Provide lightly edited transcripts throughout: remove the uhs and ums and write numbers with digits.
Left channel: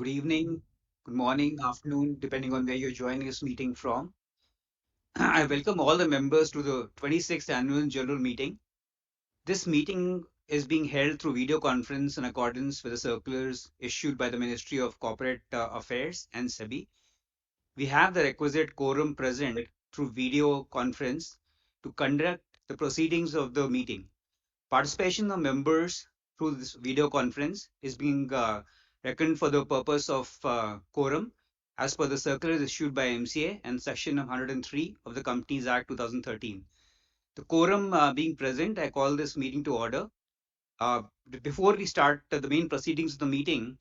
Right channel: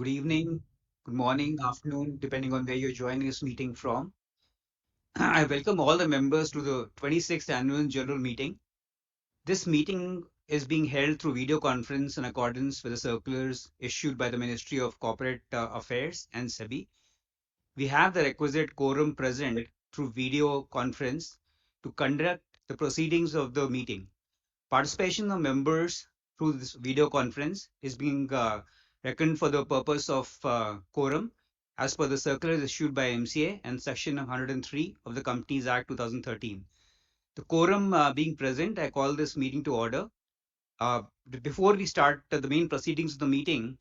good evening, good morning, afternoon, depending on where you're joining this meeting from. I welcome all the members to the 26th Annual General Meeting. This meeting is being held through video conference in accordance with the circulars issued by the Ministry of Corporate Affairs and SEBI. We have the requisite quorum present through video conference to conduct the proceedings of the meeting. Participation of members through this video conference is being reckoned for the purpose of quorum as per the circulars issued by MCA and section 103 of the Companies Act 2013. The quorum being present, I call this meeting to order. Before we start the main proceedings of the meeting,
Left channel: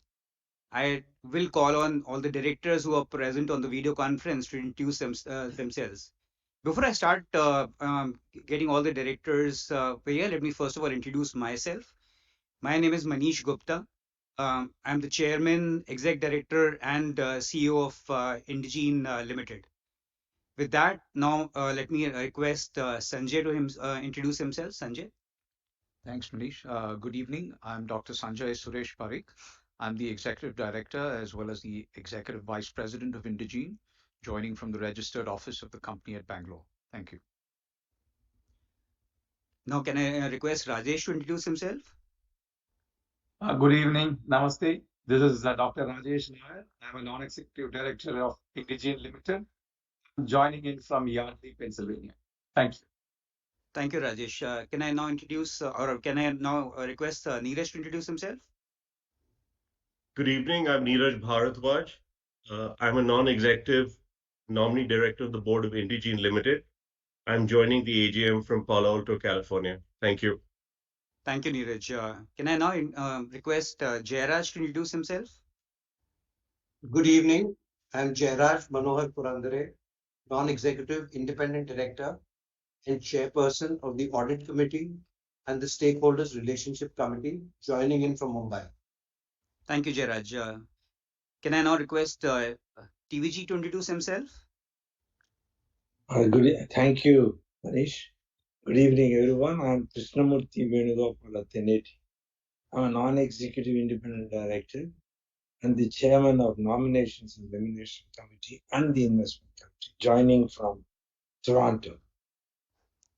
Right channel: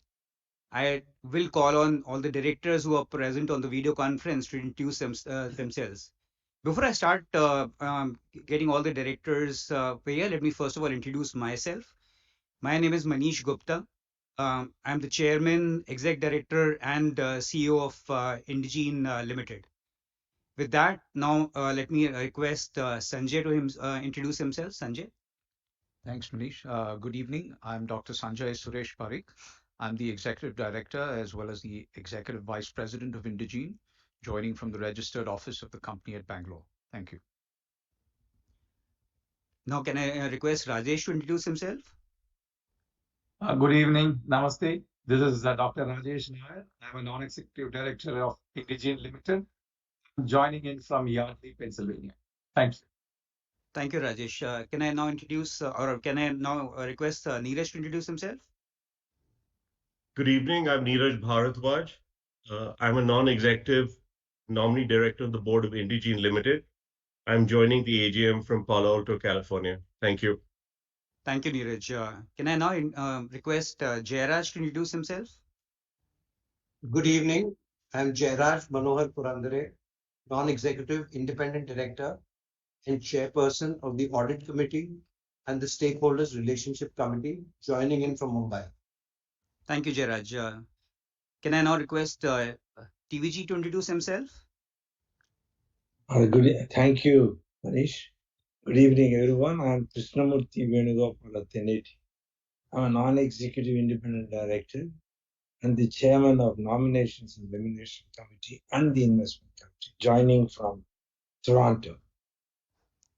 I will call on all the directors who are present on the video conference to introduce themselves. Before I start getting all the directors here, let me first of all introduce myself. My name is Manish Gupta. I'm the chairman, exec director, and CEO of Indegene Limited. With that, now let me request Sanjay to introduce himself. Sanjay. Thanks, Manish. Good evening. I'm Dr. Sanjay Suresh Parikh. I'm the Executive Director as well as the Executive Vice President of Indegene, joining from the registered office of the company at Bangalore. Thank you. Now, can I request Rajesh to introduce himself? Good evening. Namaste. This is Dr. Rajesh Nair. I'm a non-executive director of Indegene Limited. I'm joining in from Yardley, Pennsylvania. Thank you. Thank you, Rajesh. Can I now introduce or can I now request Neeraj to introduce himself? Good evening. I'm Neeraj Bharadwaj. I'm a non-executive nominee director of the board of Indegene Limited. I'm joining the AGM from Palo Alto, California. Thank you. Thank you, Neeraj. Can I now request Jairaj to introduce himself? Good evening. I'm Jairaj Manohar Purandare, non-executive independent director and chairperson of the audit committee and the stakeholders relationship committee, joining in from Mumbai. Thank you, Jairaj. Can I now request TVG to introduce himself? Thank you, Manish. Good evening, everyone. I'm Krishnamurthy Venugopala Teneti. I'm a non-executive independent director and the chairman of Nominations and Elimination Committee and the Investment Committee, joining from Toronto.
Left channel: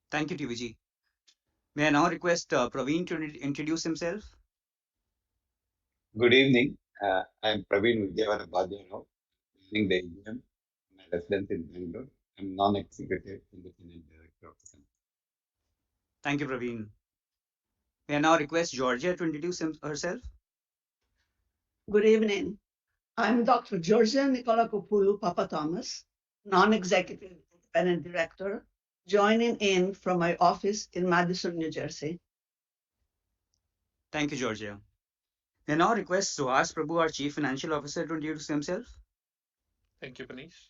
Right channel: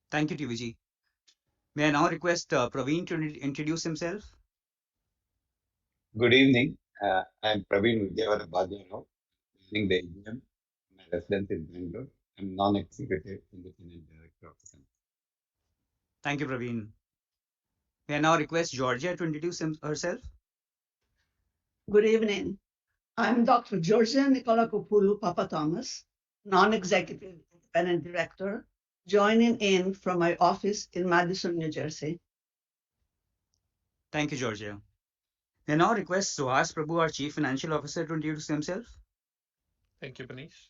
Thank you, TVG. May I now request Praveen to introduce himself? Good evening. I'm Praveen Vidyavara Bhadyarao, running the AGM. My residence in Bangalore. I'm non-executive independent director of the company. Thank you, Praveen. May I now request Georgia to introduce herself? Good evening. I'm Dr. Georgia Nicola Kopulu Papa Thomas, non-executive independent director, joining in from my office in Madison, New Jersey. Thank you, Georgia. May I now request Suhas Prabhu, our Chief Financial Officer, to introduce himself? Thank you, Manish.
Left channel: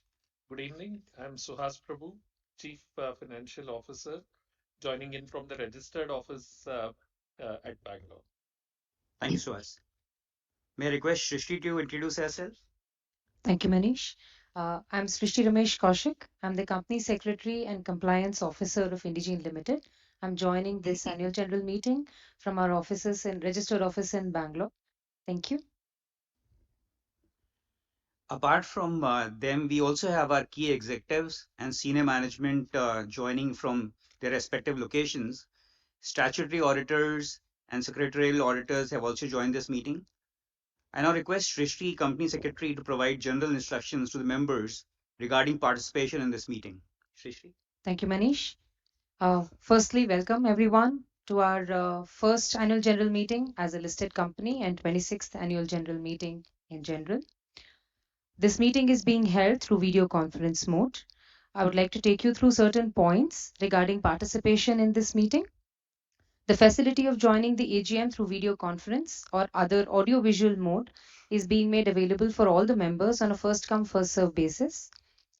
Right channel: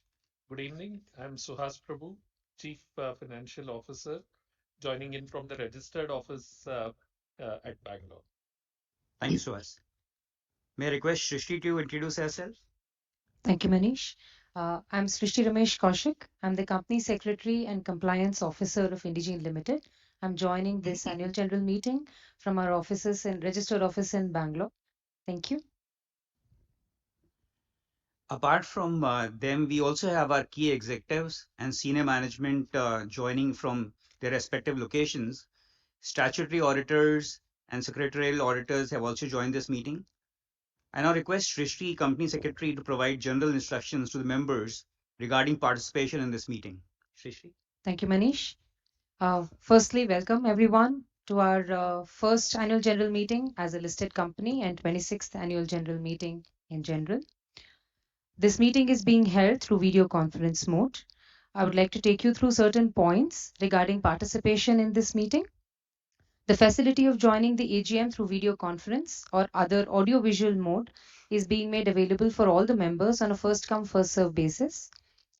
Good evening. I'm Suhas Prabhu, Chief Financial Officer, joining in from the registered office at Bangalore. Thank you, Suhas. May I request Shrishti to introduce herself? Thank you, Manish. I'm Srishti Ramesh Kaushik. I'm the Company Secretary and Compliance Officer of Indegene Limited. I'm joining this annual general meeting from our offices and registered office in Bangalore. Thank you. Apart from them, we also have our key executives and senior management joining from their respective locations. Statutory auditors and secretarial auditors have also joined this meeting. I now request Srishti, Company Secretary, to provide general instructions to the members regarding participation in this meeting. Srishti. Thank you, Manish. Firstly, welcome everyone to our first annual general meeting as a listed company and 26th annual general meeting in general. This meeting is being held through video conference mode. I would like to take you through certain points regarding participation in this meeting. The facility of joining the AGM through video conference or other audio-visual mode is being made available for all the members on a first-come, first-served basis.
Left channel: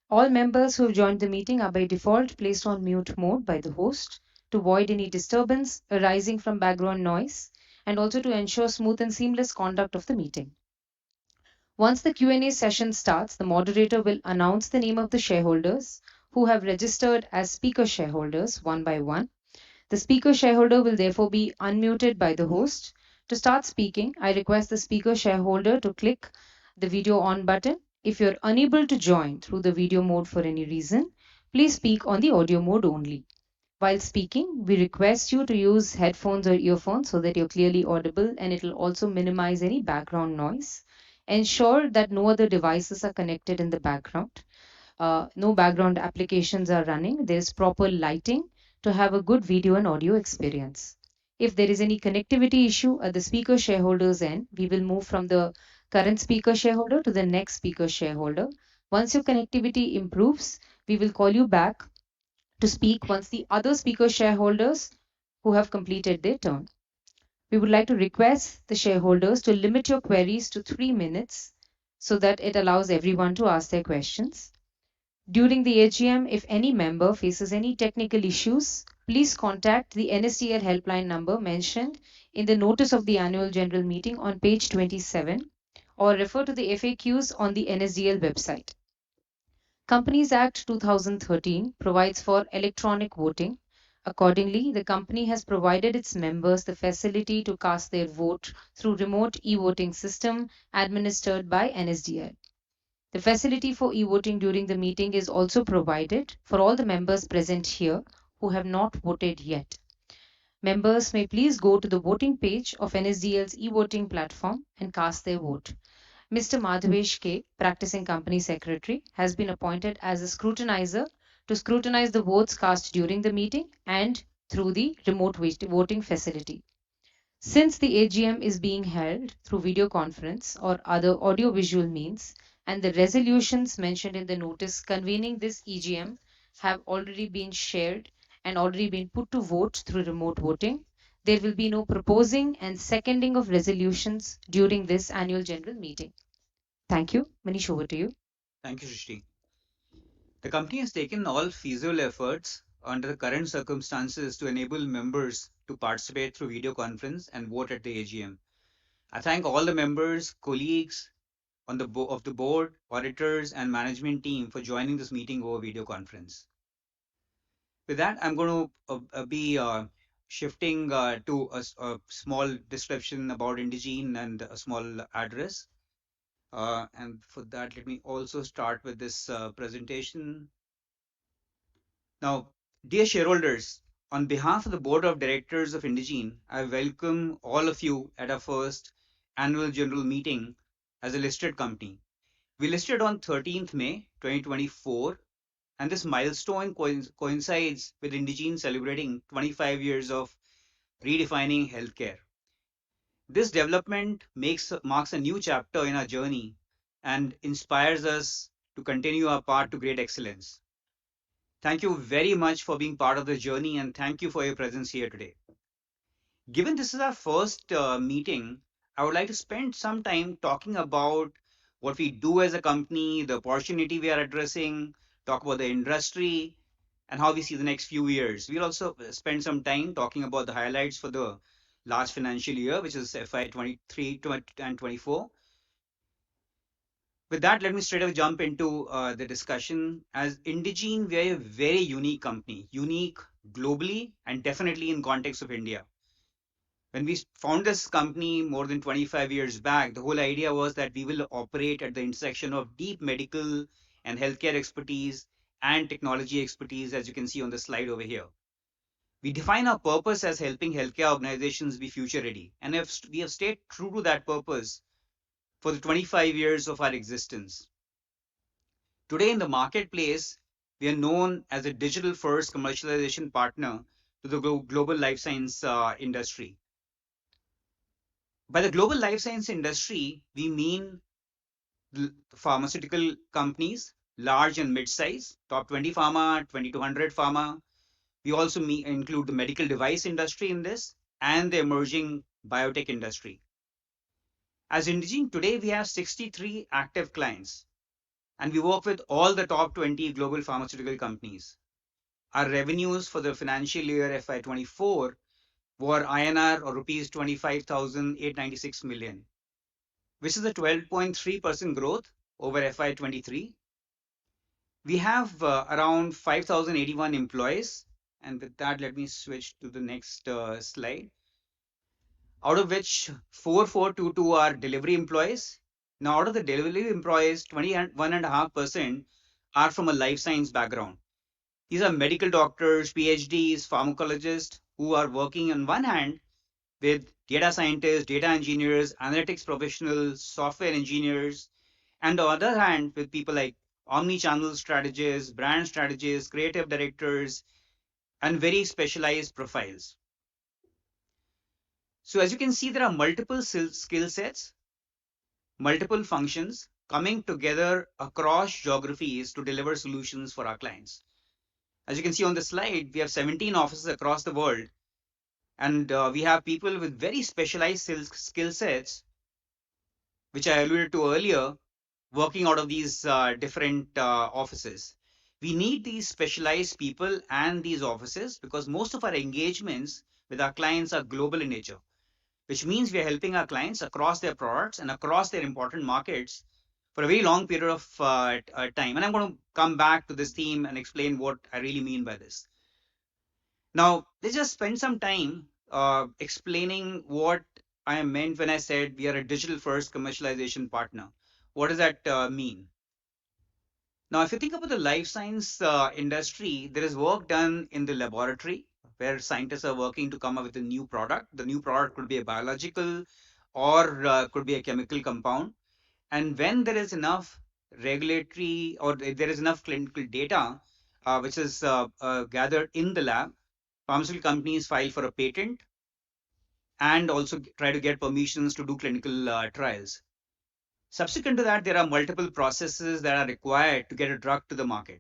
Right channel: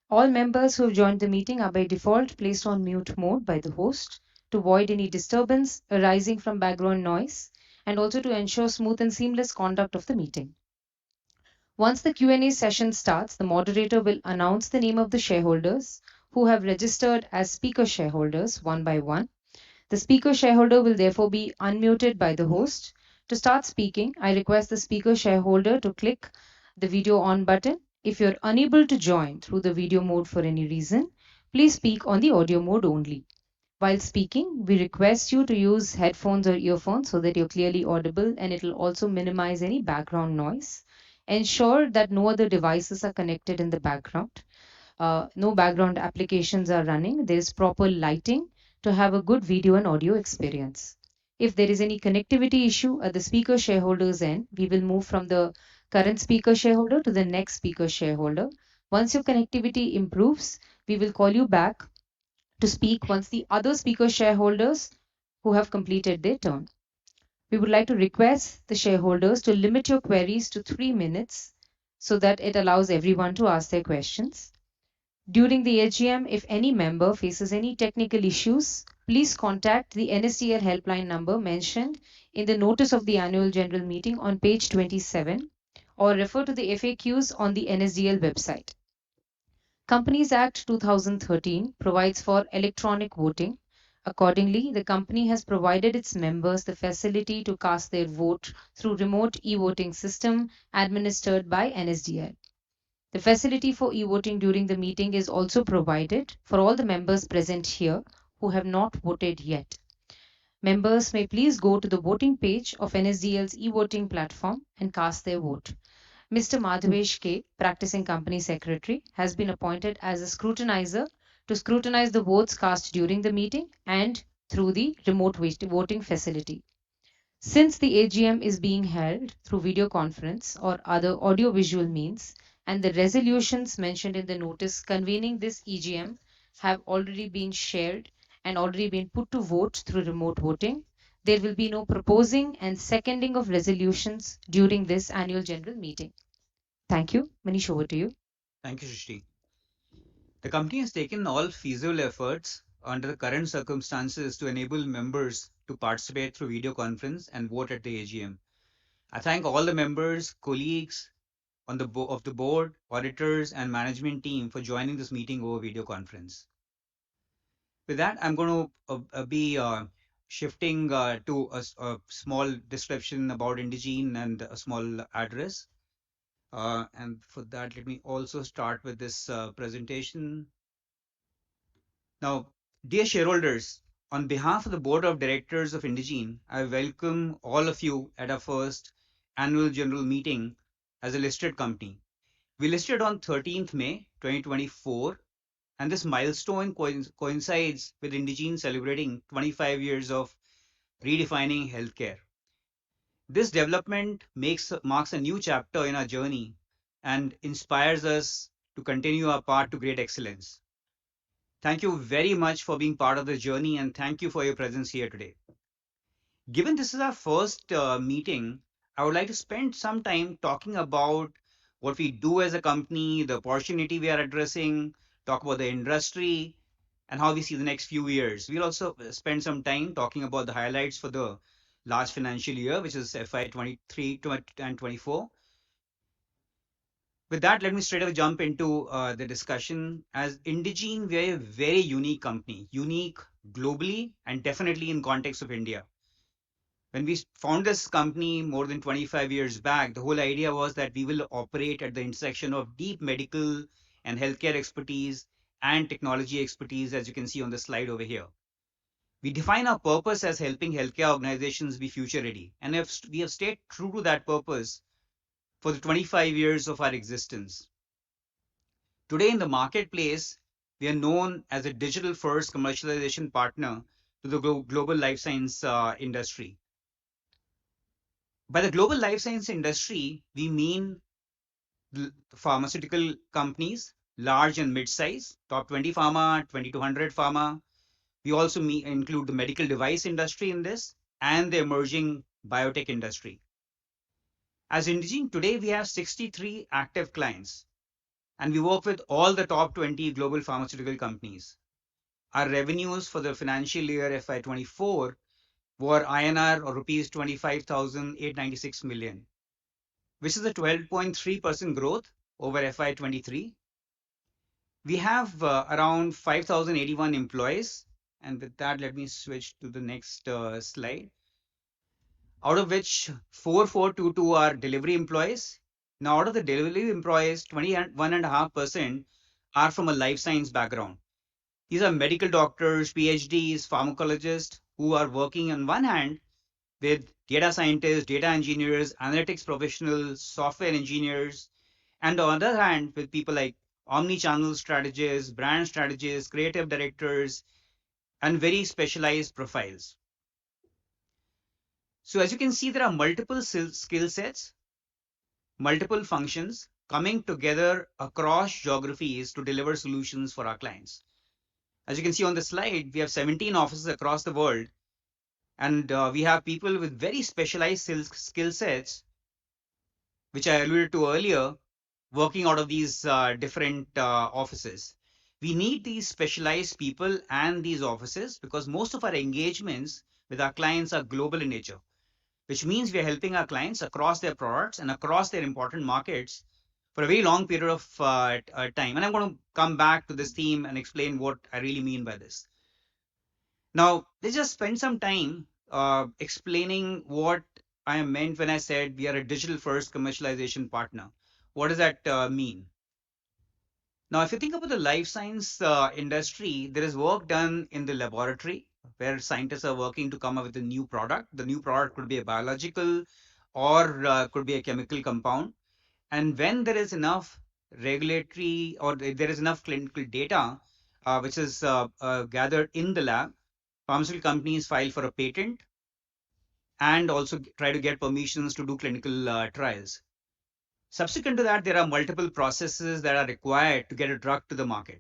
All members who have joined the meeting are by default placed on mute mode by the host to avoid any disturbance arising from background noise and also to ensure smooth and seamless conduct of the meeting. Once the Q&A session starts, the moderator will announce the name of the shareholders who have registered as speaker shareholders one by one. The speaker shareholder will therefore be unmuted by the host. To start speaking, I request the speaker shareholder to click the video on button. If you're unable to join through the video mode for any reason, please speak on the audio mode only. While speaking, we request you to use headphones or earphones so that you're clearly audible, and it will also minimize any background noise. Ensure that no other devices are connected in the background. No background applications are running. There is proper lighting to have a good video and audio experience. If there is any connectivity issue at the speaker shareholder's end, we will move from the current speaker shareholder to the next speaker shareholder. Once your connectivity improves, we will call you back to speak once the other speaker shareholders who have completed their turn. We would like to request the shareholders to limit your queries to 3 minutes so that it allows everyone to ask their questions. During the AGM, if any member faces any technical issues, please contact the NSDL helpline number mentioned in the notice of the annual general meeting on page 27 or refer to the FAQs on the NSDL website. Companies Act 2013 provides for electronic voting. Accordingly, the company has provided its members the facility to cast their vote through remote e-voting system administered by NSDL. The facility for e-voting during the meeting is also provided for all the members present here who have not voted yet. Members may please go to the voting page of NSDL's e-voting platform and cast their vote. Mr. Madhavesh K, practicing company secretary, has been appointed as a scrutinizer to scrutinize the votes cast during the meeting and through the remote voting facility. Since the AGM is being held through video conference or other audio-visual means, and the resolutions mentioned in the notice convening this EGM have already been shared and already been put to vote through remote voting, there will be no proposing and seconding of resolutions during this annual general meeting. Thank you. Manish, over to you. Thank you, Srishti. The company has taken all feasible efforts under the current circumstances to enable members to participate through video conference and vote at the AGM. I thank all the members, colleagues on of the board, auditors, and management team for joining this meeting over video conference. With that, I'm going to be shifting to a small description about Indegene and a small address. And for that, let me also start with this presentation. Now, dear shareholders, on behalf of the board of directors of Indegene, I welcome all of you at our first annual general meeting as a listed company. We listed on 13th May 2024, and this milestone coincides with Indegene celebrating 25 years of redefining healthcare. This development marks a new chapter in our journey and inspires us to continue our path to great excellence. Thank you very much for being part of the journey, and thank you for your presence here today. Given this is our first meeting, I would like to spend some time talking about what we do as a company, the opportunity we are addressing, talk about the industry, and how we see the next few years. We'll also spend some time talking about the highlights for the last financial year, which is FY 23 and 24. With that, let me straight away jump into the discussion. As Indegene, we are a very unique company, unique globally and definitely in context of India. When we found this company more than 25 years back, the whole idea was that we will operate at the intersection of deep medical and healthcare expertise and technology expertise, as you can see on the slide over here. We define our purpose as helping healthcare organizations be future ready, and we have stayed true to that purpose for the 25 years of our existence. Today in the marketplace, we are known as a digital first commercialization partner to the global life science industry. By the global life science industry, we mean the pharmaceutical companies, large and mid-size, top 20 pharma, 2200 pharma. We also include the medical device industry in this and the emerging biotech industry. As Indegene, today we have 63 active clients, and we work with all the top 20 global pharmaceutical companies. Our revenues for the financial year FY24 were INR or rupees 25,896 million, which is a 12.3% growth over FY23. We have around 5,081 employees, and with that, let me switch to the next slide. Out of which 4,422 are delivery employees, Now, out of the delivery employees, 21.5% are from a life science background. These are medical doctors, PhDs, pharmacologists who are working on one hand with data scientists, data engineers, analytics professionals, software engineers, and on the other hand, with people like omni-channel strategists, brand strategists, creative directors, and very specialized profiles. So as you can see, there are multiple skill sets, multiple functions coming together across geographies to deliver solutions for our clients. As you can see on the slide, we have 17 offices across the world, and we have people with very specialized skill sets, which I alluded to earlier, working out of these different offices. We need these specialized people and these offices because most of our engagements with our clients are global in nature, which means we are helping our clients across their products and across their important markets for a very long period of time. And I'm going to come back to this theme and explain what I really mean by this. Now, let's just spend some time explaining what I meant when I said we are a digital first commercialization partner. What does that mean? Now, if you think about the life science industry, there is work done in the laboratory where scientists are working to come up with a new product. The new product could be a biological or could be a chemical compound. And when there is enough regulatory or there is enough clinical data which is gathered in the lab, pharmaceutical companies file for a patent and also try to get permissions to do clinical trials. Subsequent to that, there are multiple processes that are required to get a drug to the market.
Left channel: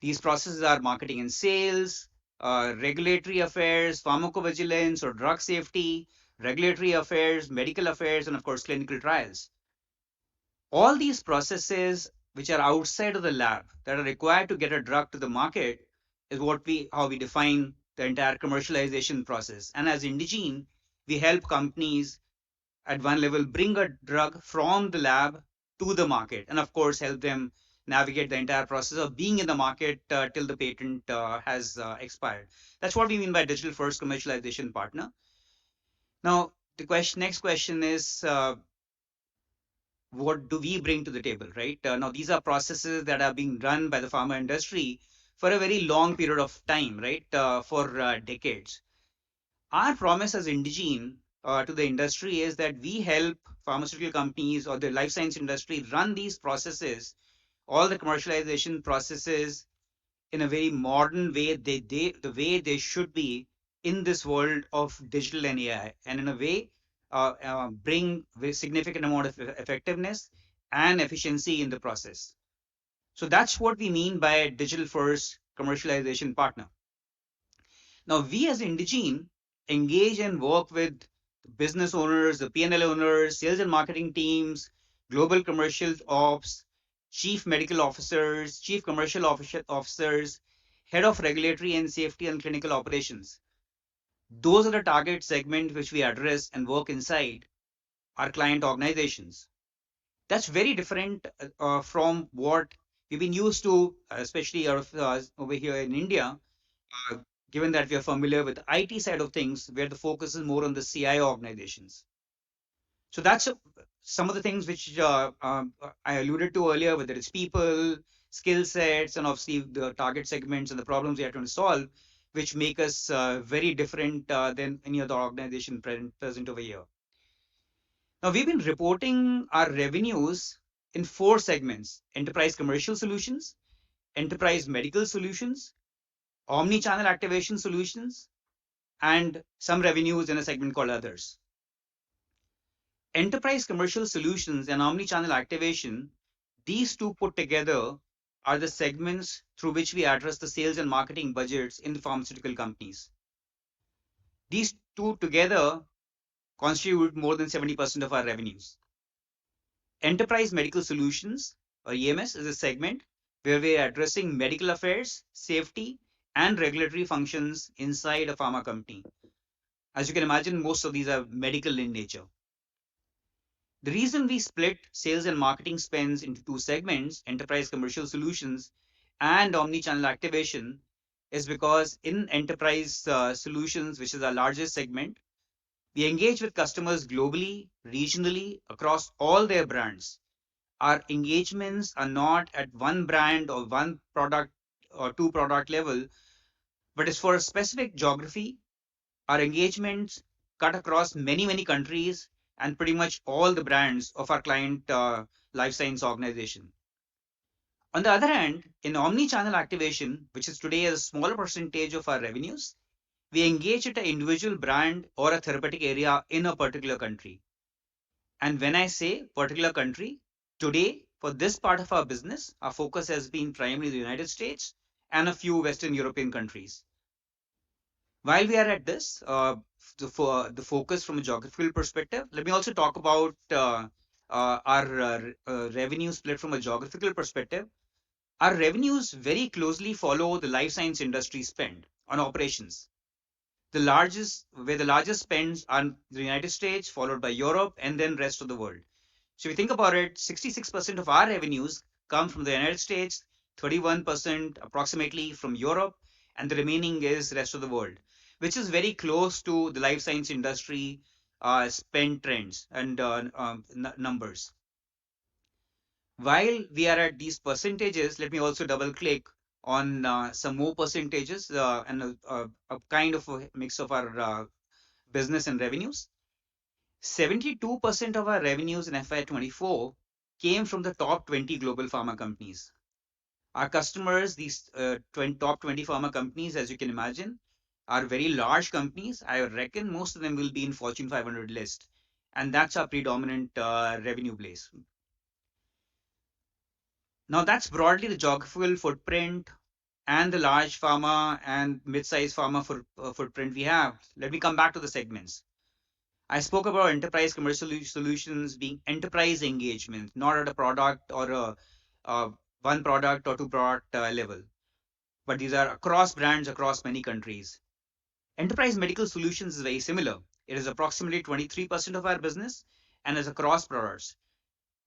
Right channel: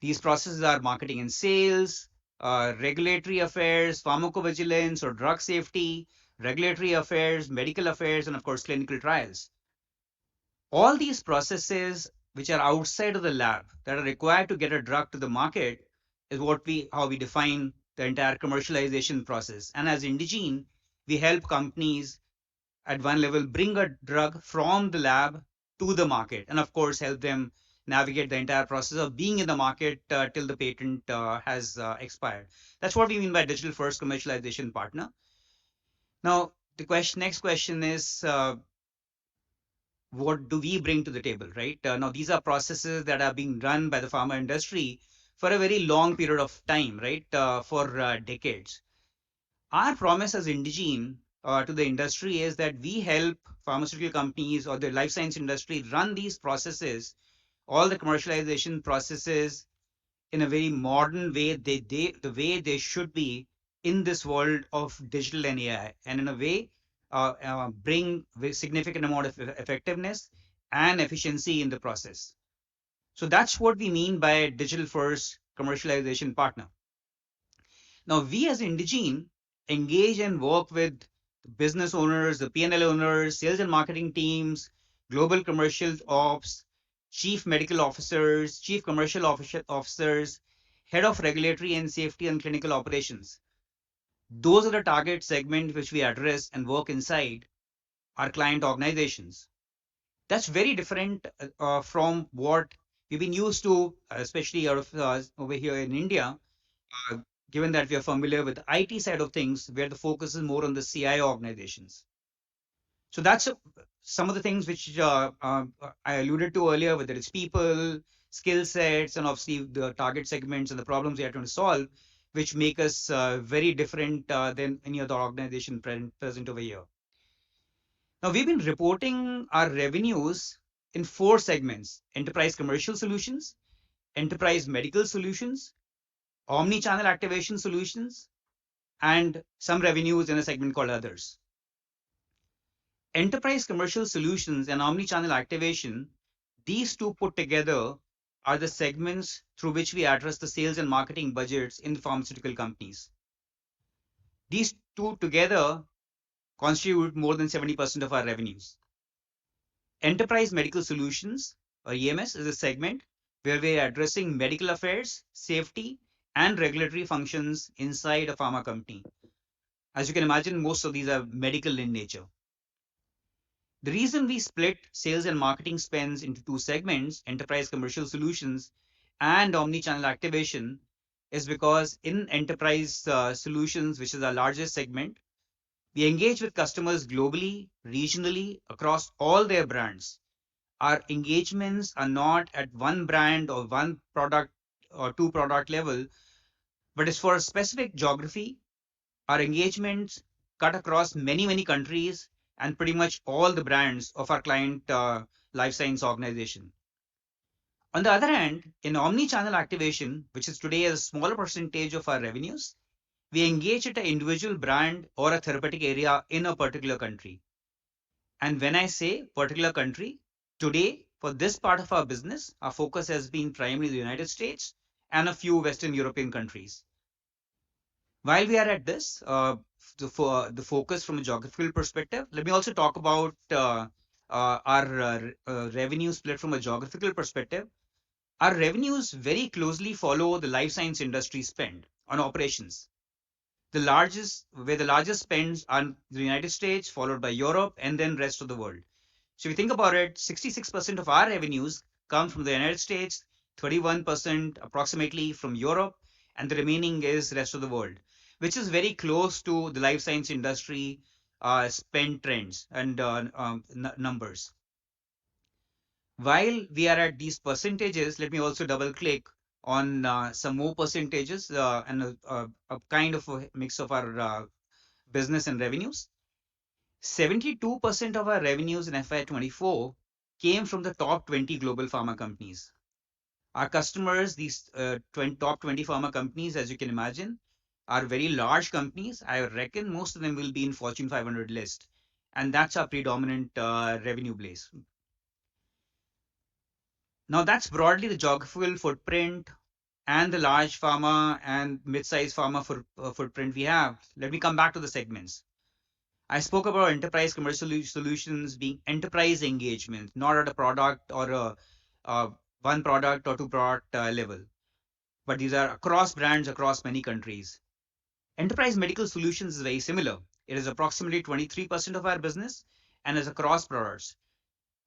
These processes are marketing and sales, regulatory affairs, pharmacovigilance or drug safety, regulatory affairs, medical affairs, and of course, clinical trials. All these processes which are outside of the lab that are required to get a drug to the market is how we define the entire commercialization process. And as Indegene, we help companies at one level bring a drug from the lab to the market, and of course help them navigate the entire process of being in the market till the patent has expired. That's what we mean by digital first commercialization partner. Now, the next question is, what do we bring to the table, right? Now, these are processes that are being run by the pharma industry for a very long period of time, right? For decades. Our promise as Indegene to the industry is that we help pharmaceutical companies or the life science industry run these processes, all the commercialization processes in a very modern way, the way they should be in this world of digital and AI, and in a way bring a significant amount of effectiveness and efficiency in the process. So that's what we mean by digital first commercialization partner. Now, we as Indegene engage and work with business owners, the P&L owners, sales and marketing teams, global commercial ops, chief medical officers, chief commercial officers, head of regulatory and safety and clinical operations. Those are the target segment which we address and work inside our client organizations. That's very different from what we've been used to, especially out of over here in India, uh, given that we are familiar with the IT side of things, where the focus is more on the CIO organizations. So that's some of the things which I alluded to earlier, whether it's people, skill sets, and obviously the target segments and the problems we are trying to solve, which make us very different than any other organization present over here. Now, we've been reporting our revenues in 4 segments: enterprise commercial solutions, enterprise medical solutions, omni-channel activation solutions, and some revenues in a segment called others. Enterprise commercial solutions and omni-channel activation, these two put together are the segments through which we address the sales and marketing budgets in the pharmaceutical companies. These two together constitute more than 70% of our revenues. Enterprise medical solutions, or EMS, is a segment where we are addressing medical affairs, safety, and regulatory functions inside a pharma company. As you can imagine, most of these are medical in nature. The reason we split sales and marketing spends into 2 segments, enterprise commercial solutions and omni-channel activation, is because in enterprise solutions, which is our largest segment, We engage with customers globally, regionally, across all their brands. Our engagements are not at one brand or one product or two product level, but it's for a specific geography. Our engagements cut across many, many countries and pretty much all the brands of our client life science organization. On the other hand, in omni-channel activation, which is today a smaller percentage of our revenues, we engage at an individual brand or a therapeutic area in a particular country. And when I say particular country, today for this part of our business, our focus has been primarily the United States and a few Western European countries. While we are at this, for the focus from a geographical perspective, let me also talk about our revenue split from a geographical perspective. Our revenues very closely follow the life science industry spend on operations. Where the largest spends are the United States, followed by Europe, and then rest of the world. So if you think about it, 66% of our revenues come from the United States, 31% approximately from Europe, and the remaining is rest of the world, which is very close to the life science industry spend trends and numbers. While we are at these percentages, let me also double click on some more percentages and a kind of a mix of our business and revenues. 72% of our revenues in FY24 came from the top 20 global pharma companies. Our customers, these top 20 pharma companies, as you can imagine, are very large companies. I reckon most of them will be in Fortune 500 list, and that's our predominant revenue base. Now, that's broadly the geographical footprint and the large pharma and mid-sized pharma footprint we have. Let me come back to the segments. I spoke about enterprise commercial solutions being enterprise engagement, not at a product or a one product or two product level, but these are across brands across many countries. Enterprise medical solutions is very similar. It is approximately 23% of our business and is across products.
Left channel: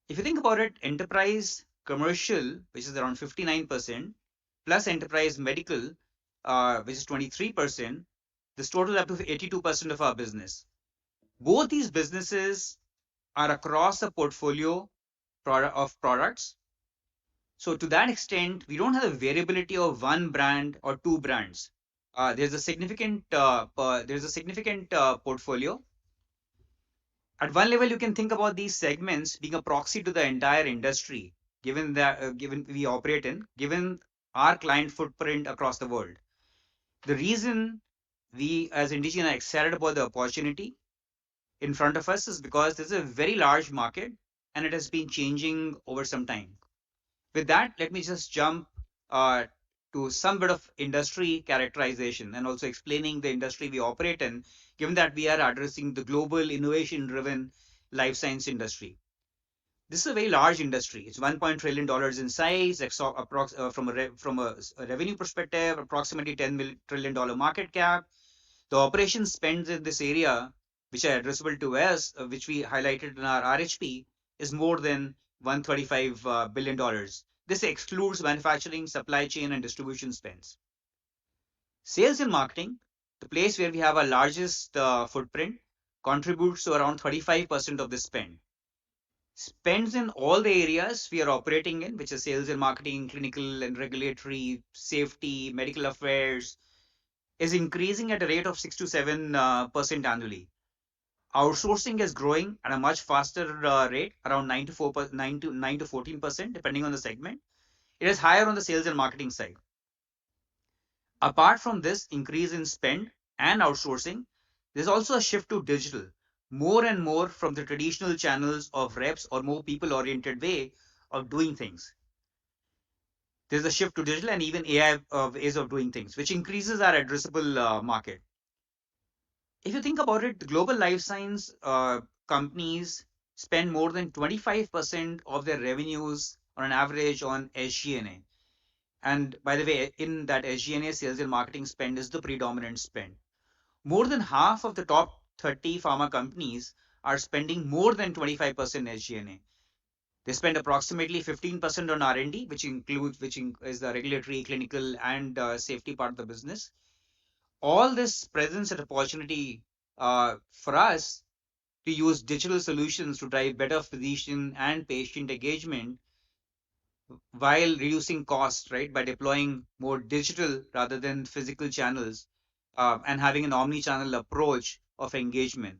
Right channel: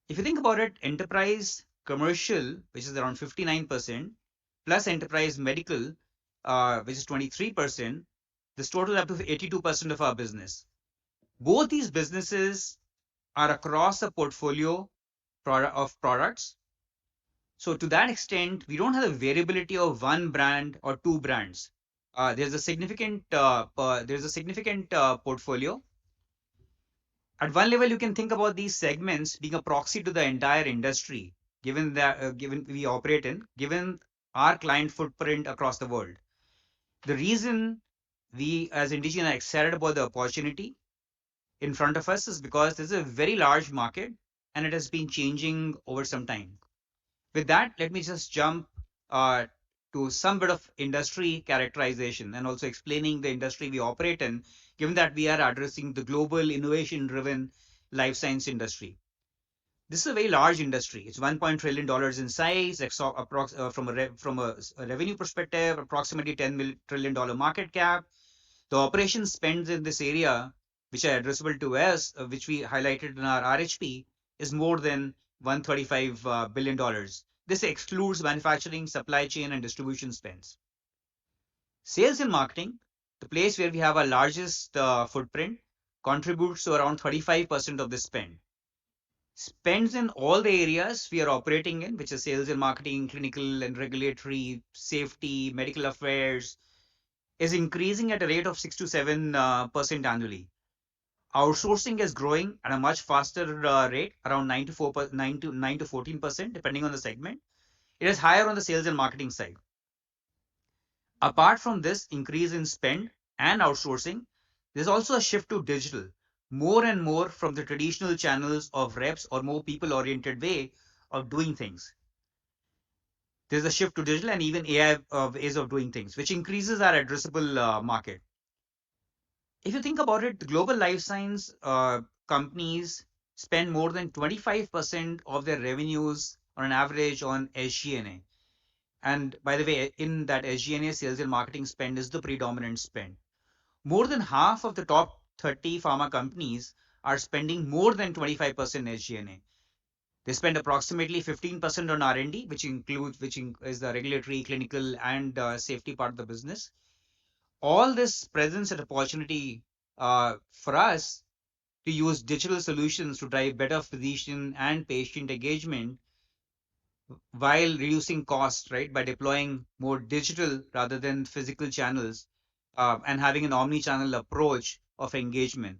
If you think about it, enterprise commercial, which is around 59%, plus enterprise medical, which is 23%, this total up to 82% of our business. Both these businesses are across a portfolio of products. So to that extent, we don't have the variability of one brand or two brands. There's a significant portfolio. At one level, you can think about these segments being a proxy to the entire industry, given we operate in, given our client footprint across the world. The reason we as Indegene are excited about the opportunity in front of us is because this is a very large market and it has been changing over some time. With that, let me just jump to some bit of industry characterization and also explaining the industry we operate in, given that we are addressing the global innovation-driven life science industry. This is a very large industry. It's $1 trillion in size, from a revenue perspective, approximately $10 trillion market cap. The operation spends in this area, which are addressable to us, which we highlighted in our RHP, is more than $135 billion. This excludes manufacturing, supply chain, and distribution spends. Sales and marketing, the place where we have our largest footprint, contributes to around 35% of the spend. Spends in all the areas we are operating in, which is sales and marketing, clinical and regulatory, safety, medical affairs, is increasing at a rate of 6 to 7% annually. Outsourcing is growing at a much faster rate, around 9 to 14%, depending on the segment. It is higher on the sales and marketing side. Apart from this increase in spend and outsourcing, there's also a shift to digital, more and more from the traditional channels of reps or more people-oriented way of doing things. There's a shift to digital and even AI ways of doing things, which increases our addressable market. If you think about it, the global life science companies spend more than 25% of their revenues on an average on SG&A. And by the way, in that SG&A, sales and marketing spend is the predominant spend. More than half of the top 30 pharma companies are spending more than 25% SG&A. They spend approximately 15% on R&D, which is the regulatory, clinical, and safety part of the business. All this presents an opportunity for us to use digital solutions to drive better physician and patient engagement while reducing costs, right, by deploying more digital rather than physical channels, and having an omni-channel approach of engagement.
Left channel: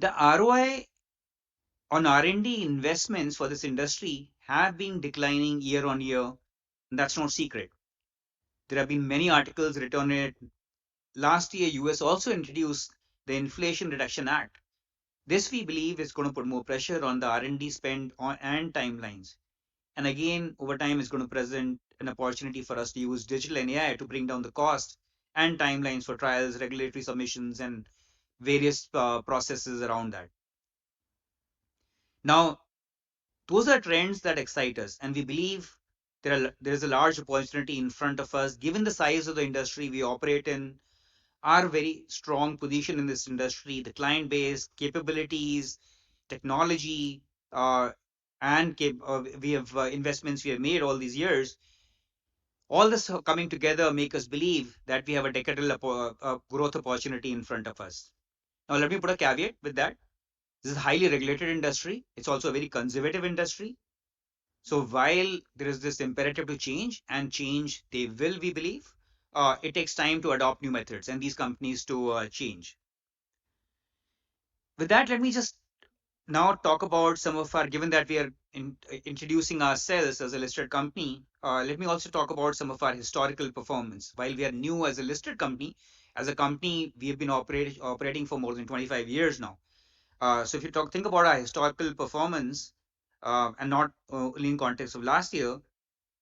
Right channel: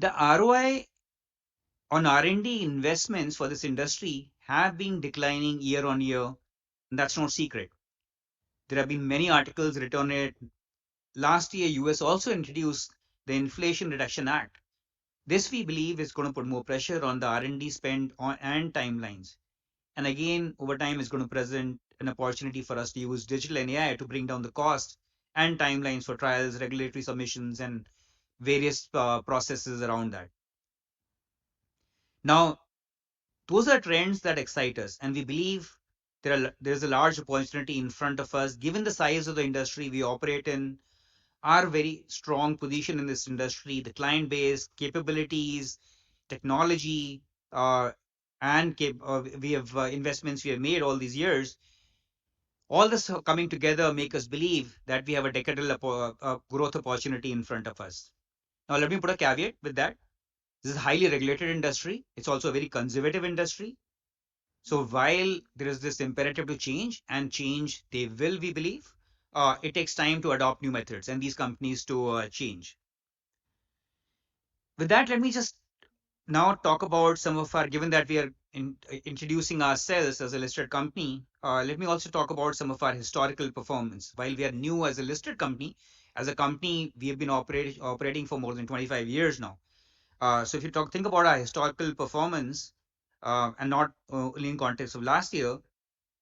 The ROI on R&D investments for this industry have been declining year on year, and that's no secret. There have been many articles written on it. Last year, US also introduced the Inflation Reduction Act. This, we believe, is going to put more pressure on the R&D spend and timelines. And again, over time, is going to present an opportunity for us to use digital and AI to bring down the cost and timelines for trials, regulatory submissions, and various processes around that. Now, those are trends that excite us, and we believe there's a large opportunity in front of us, given the size of the industry we operate in, our very strong position in this industry, the client base, capabilities, technology, and we have investments we have made all these years. All this coming together make us believe that we have a decadal growth opportunity in front of us. Now, let me put a caveat with that. This is a highly regulated industry. It's also a very conservative industry. So while there is this imperative to change, and change they will, we believe, it takes time to adopt new methods and these companies to change. With that, let me just now talk about some of our, given that we are introducing ourselves as a listed company, let me also talk about some of our historical performance. While we are new as a listed company, as a company, we have been operating for more than 25 years now. So if you think about our historical performance, and not only in context of last year,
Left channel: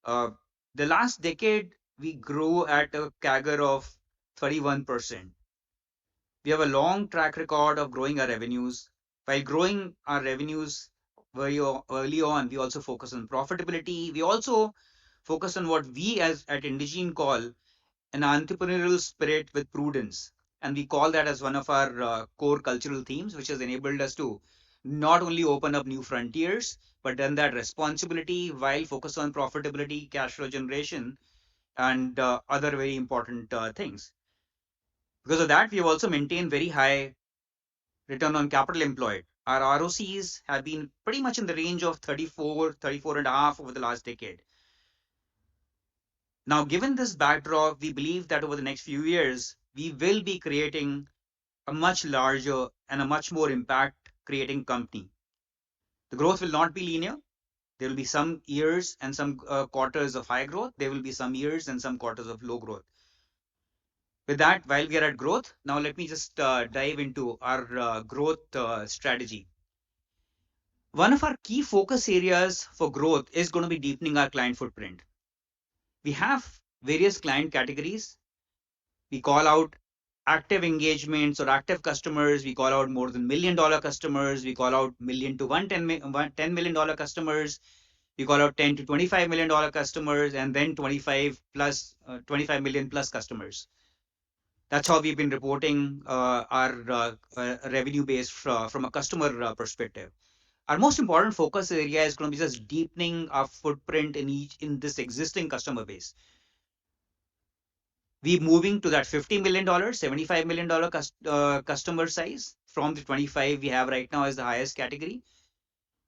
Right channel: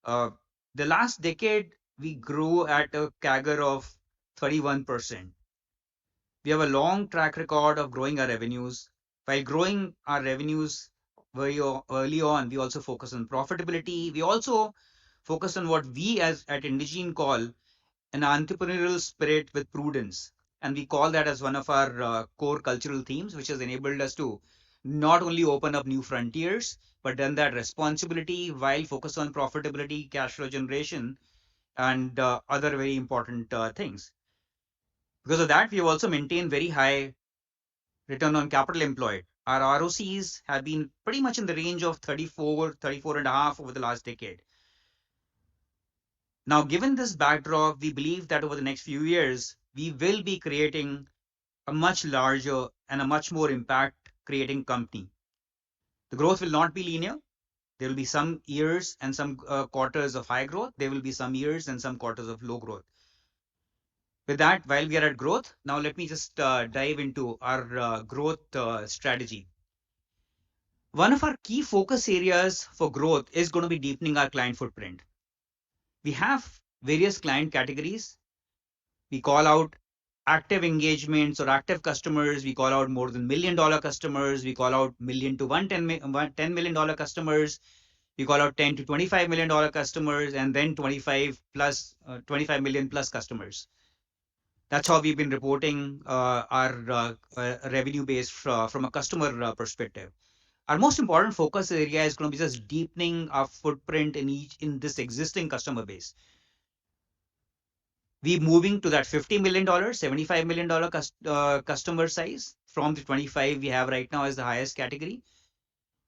uh, the last decade, we grew at a CAGR of 31%. We have a long track record of growing our revenues. While growing our revenues very early on, we also focus on profitability. We also focus on what we as at Indegene call an entrepreneurial spirit with prudence. And we call that as one of our core cultural themes, which has enabled us to not only open up new frontiers, but then that responsibility while focus on profitability, cash flow generation, and other very important things. Because of that, we have also maintained very high return on capital employed. Our ROCs have been pretty much in the range of 34 and a half over the last decade. Now, given this backdrop, we believe that over the next few years, we will be creating a much larger and a much more impact creating company. The growth will not be linear. There will be some years and some quarters of high growth. There will be some years and some quarters of low growth. With that, while we are at growth, now let me just dive into our growth strategy. One of our key focus areas for growth is going to be deepening our client footprint. We have various client categories. We call out active engagements or active customers. We call out more than $1 million customers. We call out million to $10 million customers. We call out 10 to $25 million customers, and then 25 million plus customers. That's how we've been reporting our revenue base from a customer perspective. Our most important focus area is going to be just deepening our footprint in this existing customer base. We moving to that $50 million, $75 million customer size from the 25 we have right now as the highest category.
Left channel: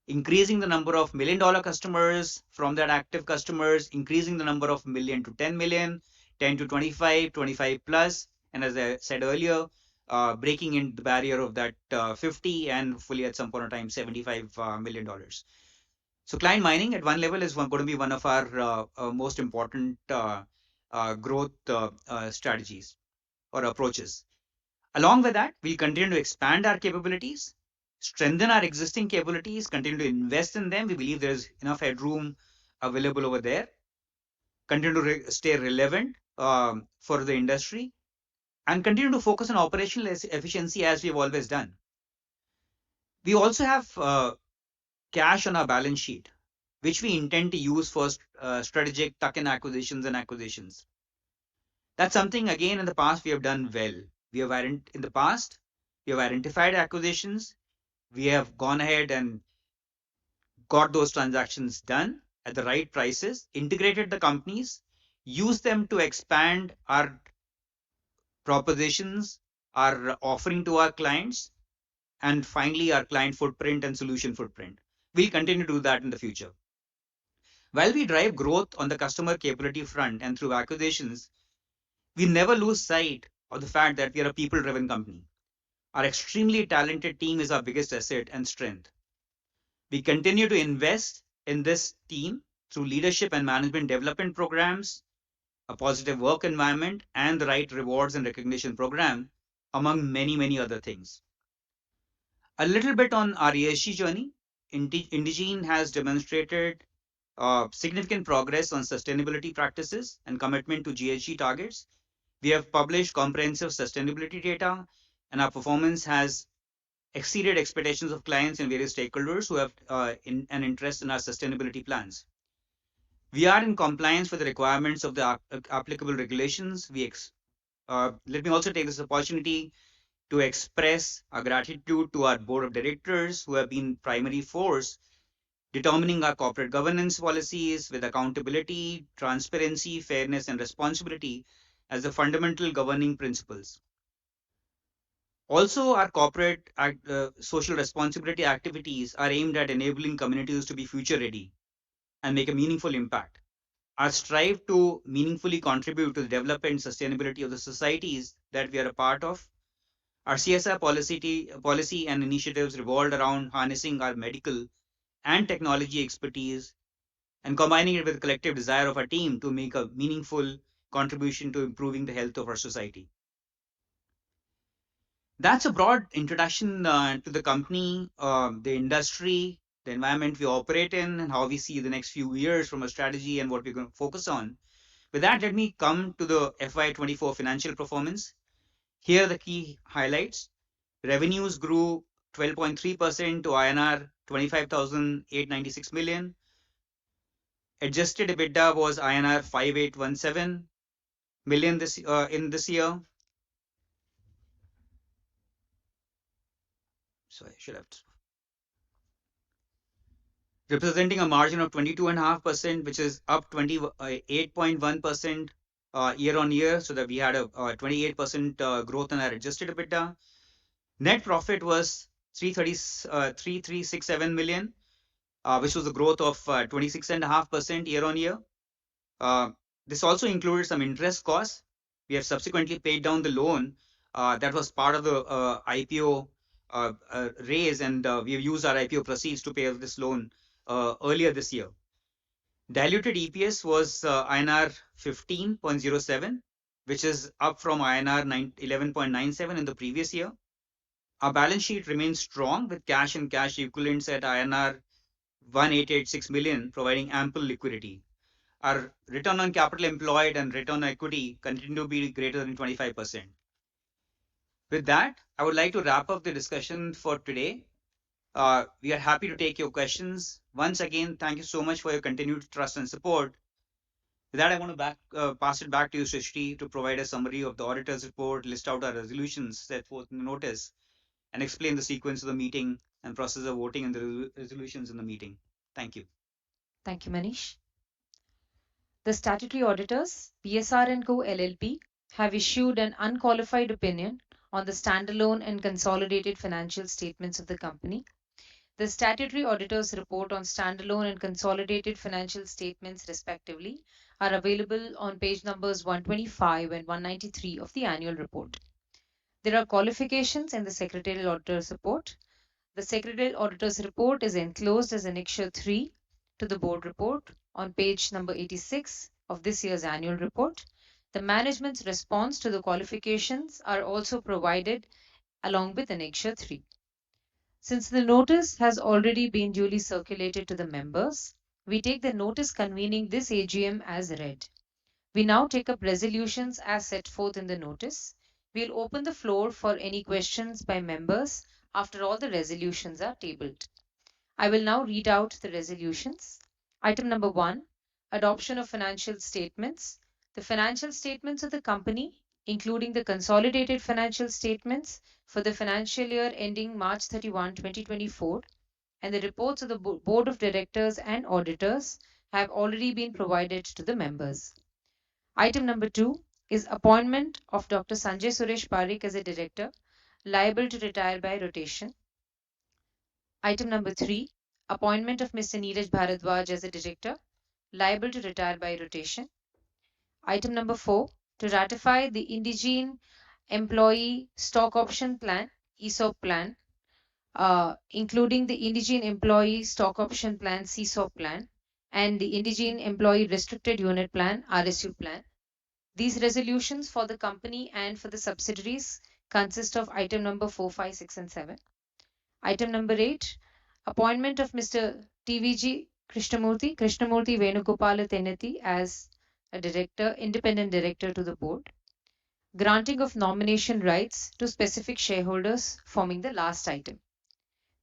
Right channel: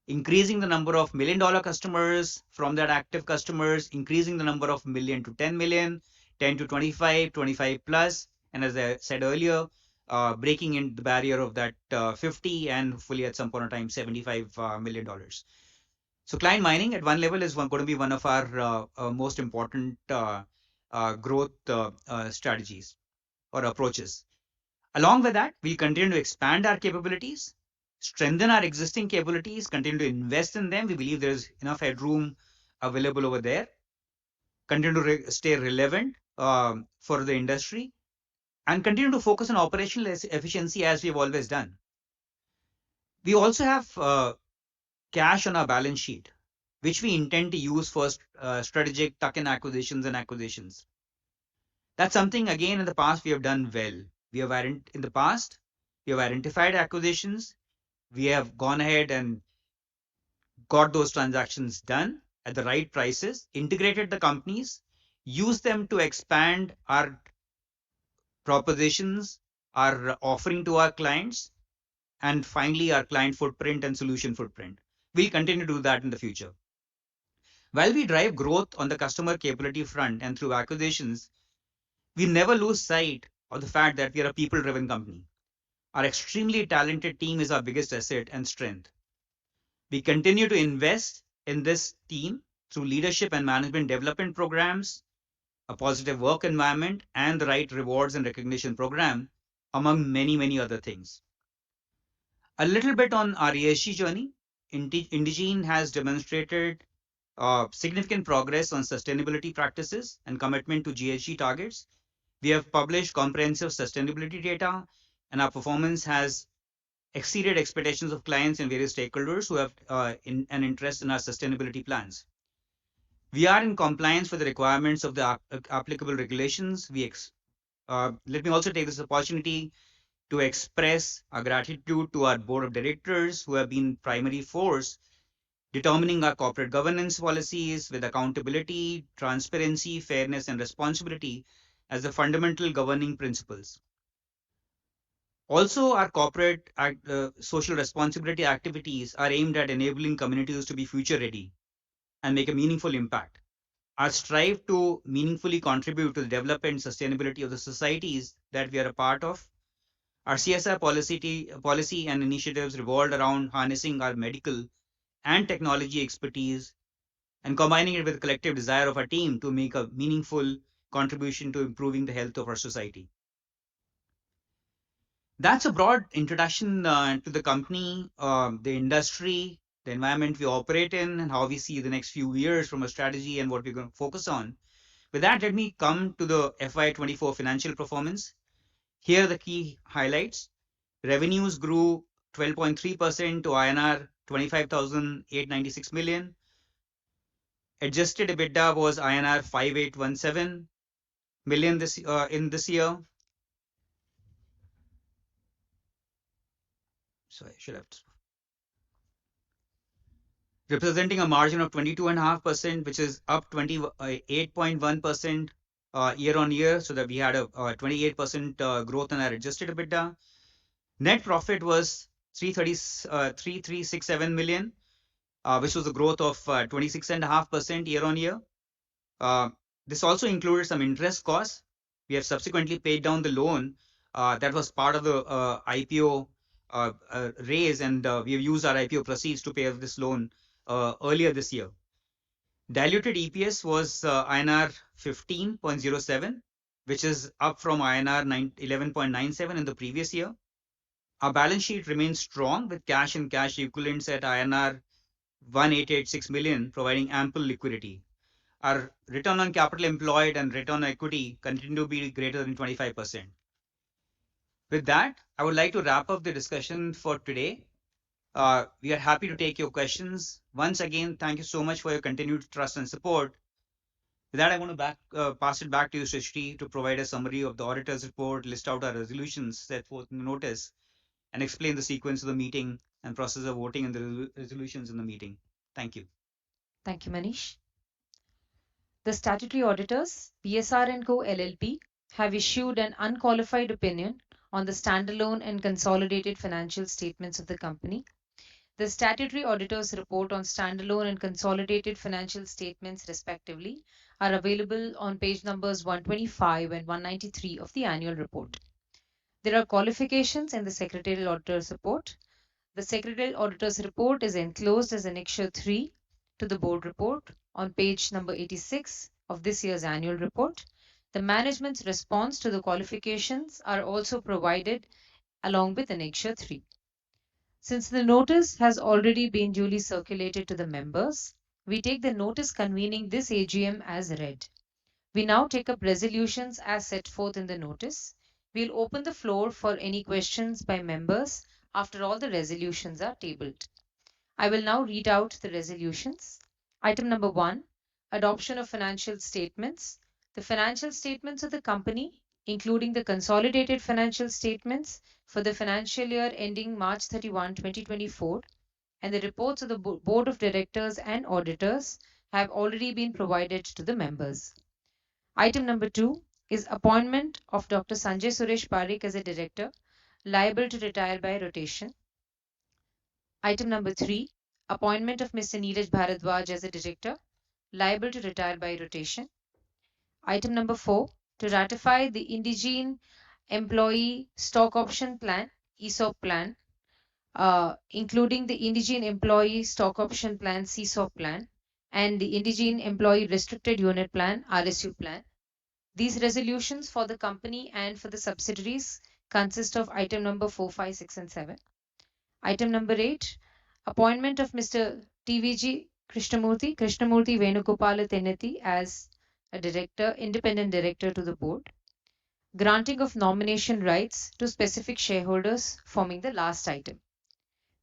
Increasing the number of $1 million customers from that active customers, increasing the number of million to 10 million, 10 to 25, 25 plus, and as I said earlier, breaking in the barrier of that 50 and hopefully at some point in time $75 million. So client mining at one level is going to be one of our most important growth strategies or approaches. Along with that, we continue to expand our capabilities, strengthen our existing capabilities, continue to invest in them. We believe there's enough headroom available over there. Continue to stay relevant for the industry, and continue to focus on operational efficiency as we've always done. We also have cash on our balance sheet, which we intend to use for strategic tuck-in acquisitions and acquisitions. That's something, again, in the past we have done well. In the past, we have identified acquisitions. We have gone ahead and got those transactions done at the right prices, integrated the companies, used them to expand our propositions our offering to our clients, and finally, our client footprint and solution footprint. We'll continue to do that in the future. While we drive growth on the customer capability front and through acquisitions, we never lose sight of the fact that we are a people-driven company. Our extremely talented team is our biggest asset and strength. We continue to invest in this team through leadership and management development programs, a positive work environment, and the right rewards and recognition program, among many, many other things. A little bit on our ESG journey. Indegene has demonstrated significant progress on sustainability practices and commitment to GHG targets. We have published comprehensive sustainability data, and our performance has exceeded expectations of clients and various stakeholders who have an interest in our sustainability plans. We are in compliance with the requirements of the applicable regulations. Let me also take this opportunity to express our gratitude to our board of directors who have been primary force determining our corporate governance policies with accountability, transparency, fairness, and responsibility as the fundamental governing principles. Also, our corporate social responsibility activities are aimed at enabling communities to be future ready and make a meaningful impact. Our strive to meaningfully contribute to the development and sustainability of the societies that we are a part of. Our CSR policy and initiatives revolved around harnessing our medical and technology expertise and combining it with the collective desire of our team to make a meaningful contribution to improving the health of our society. That's a broad introduction to the company, the industry, the environment we operate in, and how we see the next few years from a strategy and what we're going to focus on. With that, let me come to the FY24 financial performance. Here are the key highlights. Revenues grew 12.3% to INR 25,896 million. Adjusted EBITDA was INR 5817 million in this year. So I should have representing a margin of 22.5%, which is up 28.1% year on year, so that we had a 28% growth in our adjusted EBITDA. Net profit was 3367 million, which was a growth of 26.5% year on year. This also included some interest costs. We have subsequently paid down the loan that was part of the IPO raise, and we have used our IPO proceeds to pay off this loan earlier this year. Diluted EPS was INR 15.07, which is up from INR 11.97 in the previous year. Our balance sheet remains strong with cash and cash equivalents at INR 1886 million, providing ample liquidity. Our return on capital employed and return on equity continue to be greater than 25%. With that, I would like to wrap up the discussion for today. We are happy to take your questions. Once again, thank you so much for your continued trust and support. With that, I want to pass it back to you, Srishti, to provide a summary of the auditor's report, list out our resolutions set forth in the notice, and explain the sequence of the meeting and process of voting and the resolutions in the meeting. Thank you. Thank you, Manish. The statutory auditors, PSR & Co. LLP, have issued an unqualified opinion on the standalone and consolidated financial statements of the company. The statutory auditor's report on standalone and consolidated financial statements, respectively, are available on page numbers 125 and 193 of the annual report. There are qualifications in the secretarial auditor's report. The secretarial auditor's report is enclosed as Annexure 3 to the board report on page number 86 of this year's annual report. The management's response to the qualifications are also provided along with Annexure 3. Since the notice has already been duly circulated to the members, we take the notice convening this AGM as read. We now take up resolutions as set forth in the notice. We'll open the floor for any questions by members after all the resolutions are tabled. I will now read out the resolutions. Item number 1, adoption of financial statements. The financial statements of the company, including the consolidated financial statements for the financial year ending March 31, 2024, and the reports of the Board of Directors and Auditors have already been provided to the members. Item number 2 is appointment of Dr. Sanjay Suresh Parikh as a director, liable to retire by rotation. Item number 3, appointment of Mr. Neeraj Bharadwaj as a director, liable to retire by rotation. Item number 4, to ratify the Indegene Employee Stock Option Plan, ESOP plan, including the Indegene Employee Stock Option Plan, CSOP plan, and the Indegene Employee Restricted Unit Plan, RSU plan. These resolutions for the company and for the subsidiaries consist of item number 4, 5, 6, and 7. Item number 8, appointment of Mr. TVG Krishnamurti Venugopala Teneti as a director, independent director to the board. Granting of nomination rights to specific shareholders forming the last item.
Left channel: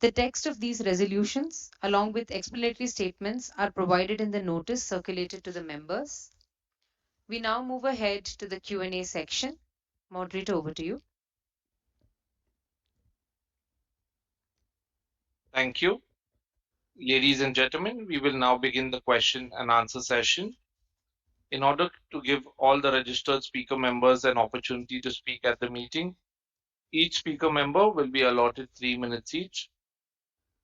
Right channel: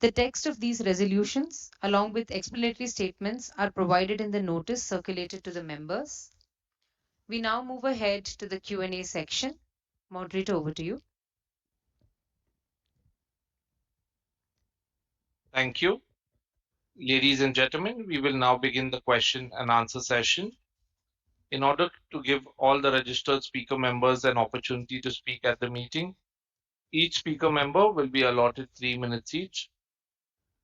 The text of these resolutions, along with explanatory statements, are provided in the notice circulated to the members. We now move ahead to the Q&A section. Moderator, over to you. Thank you. Ladies and gentlemen, we will now begin the question and answer session. In order to give all the registered speaker members an opportunity to speak at the meeting, each speaker member will be allotted 3 minutes each.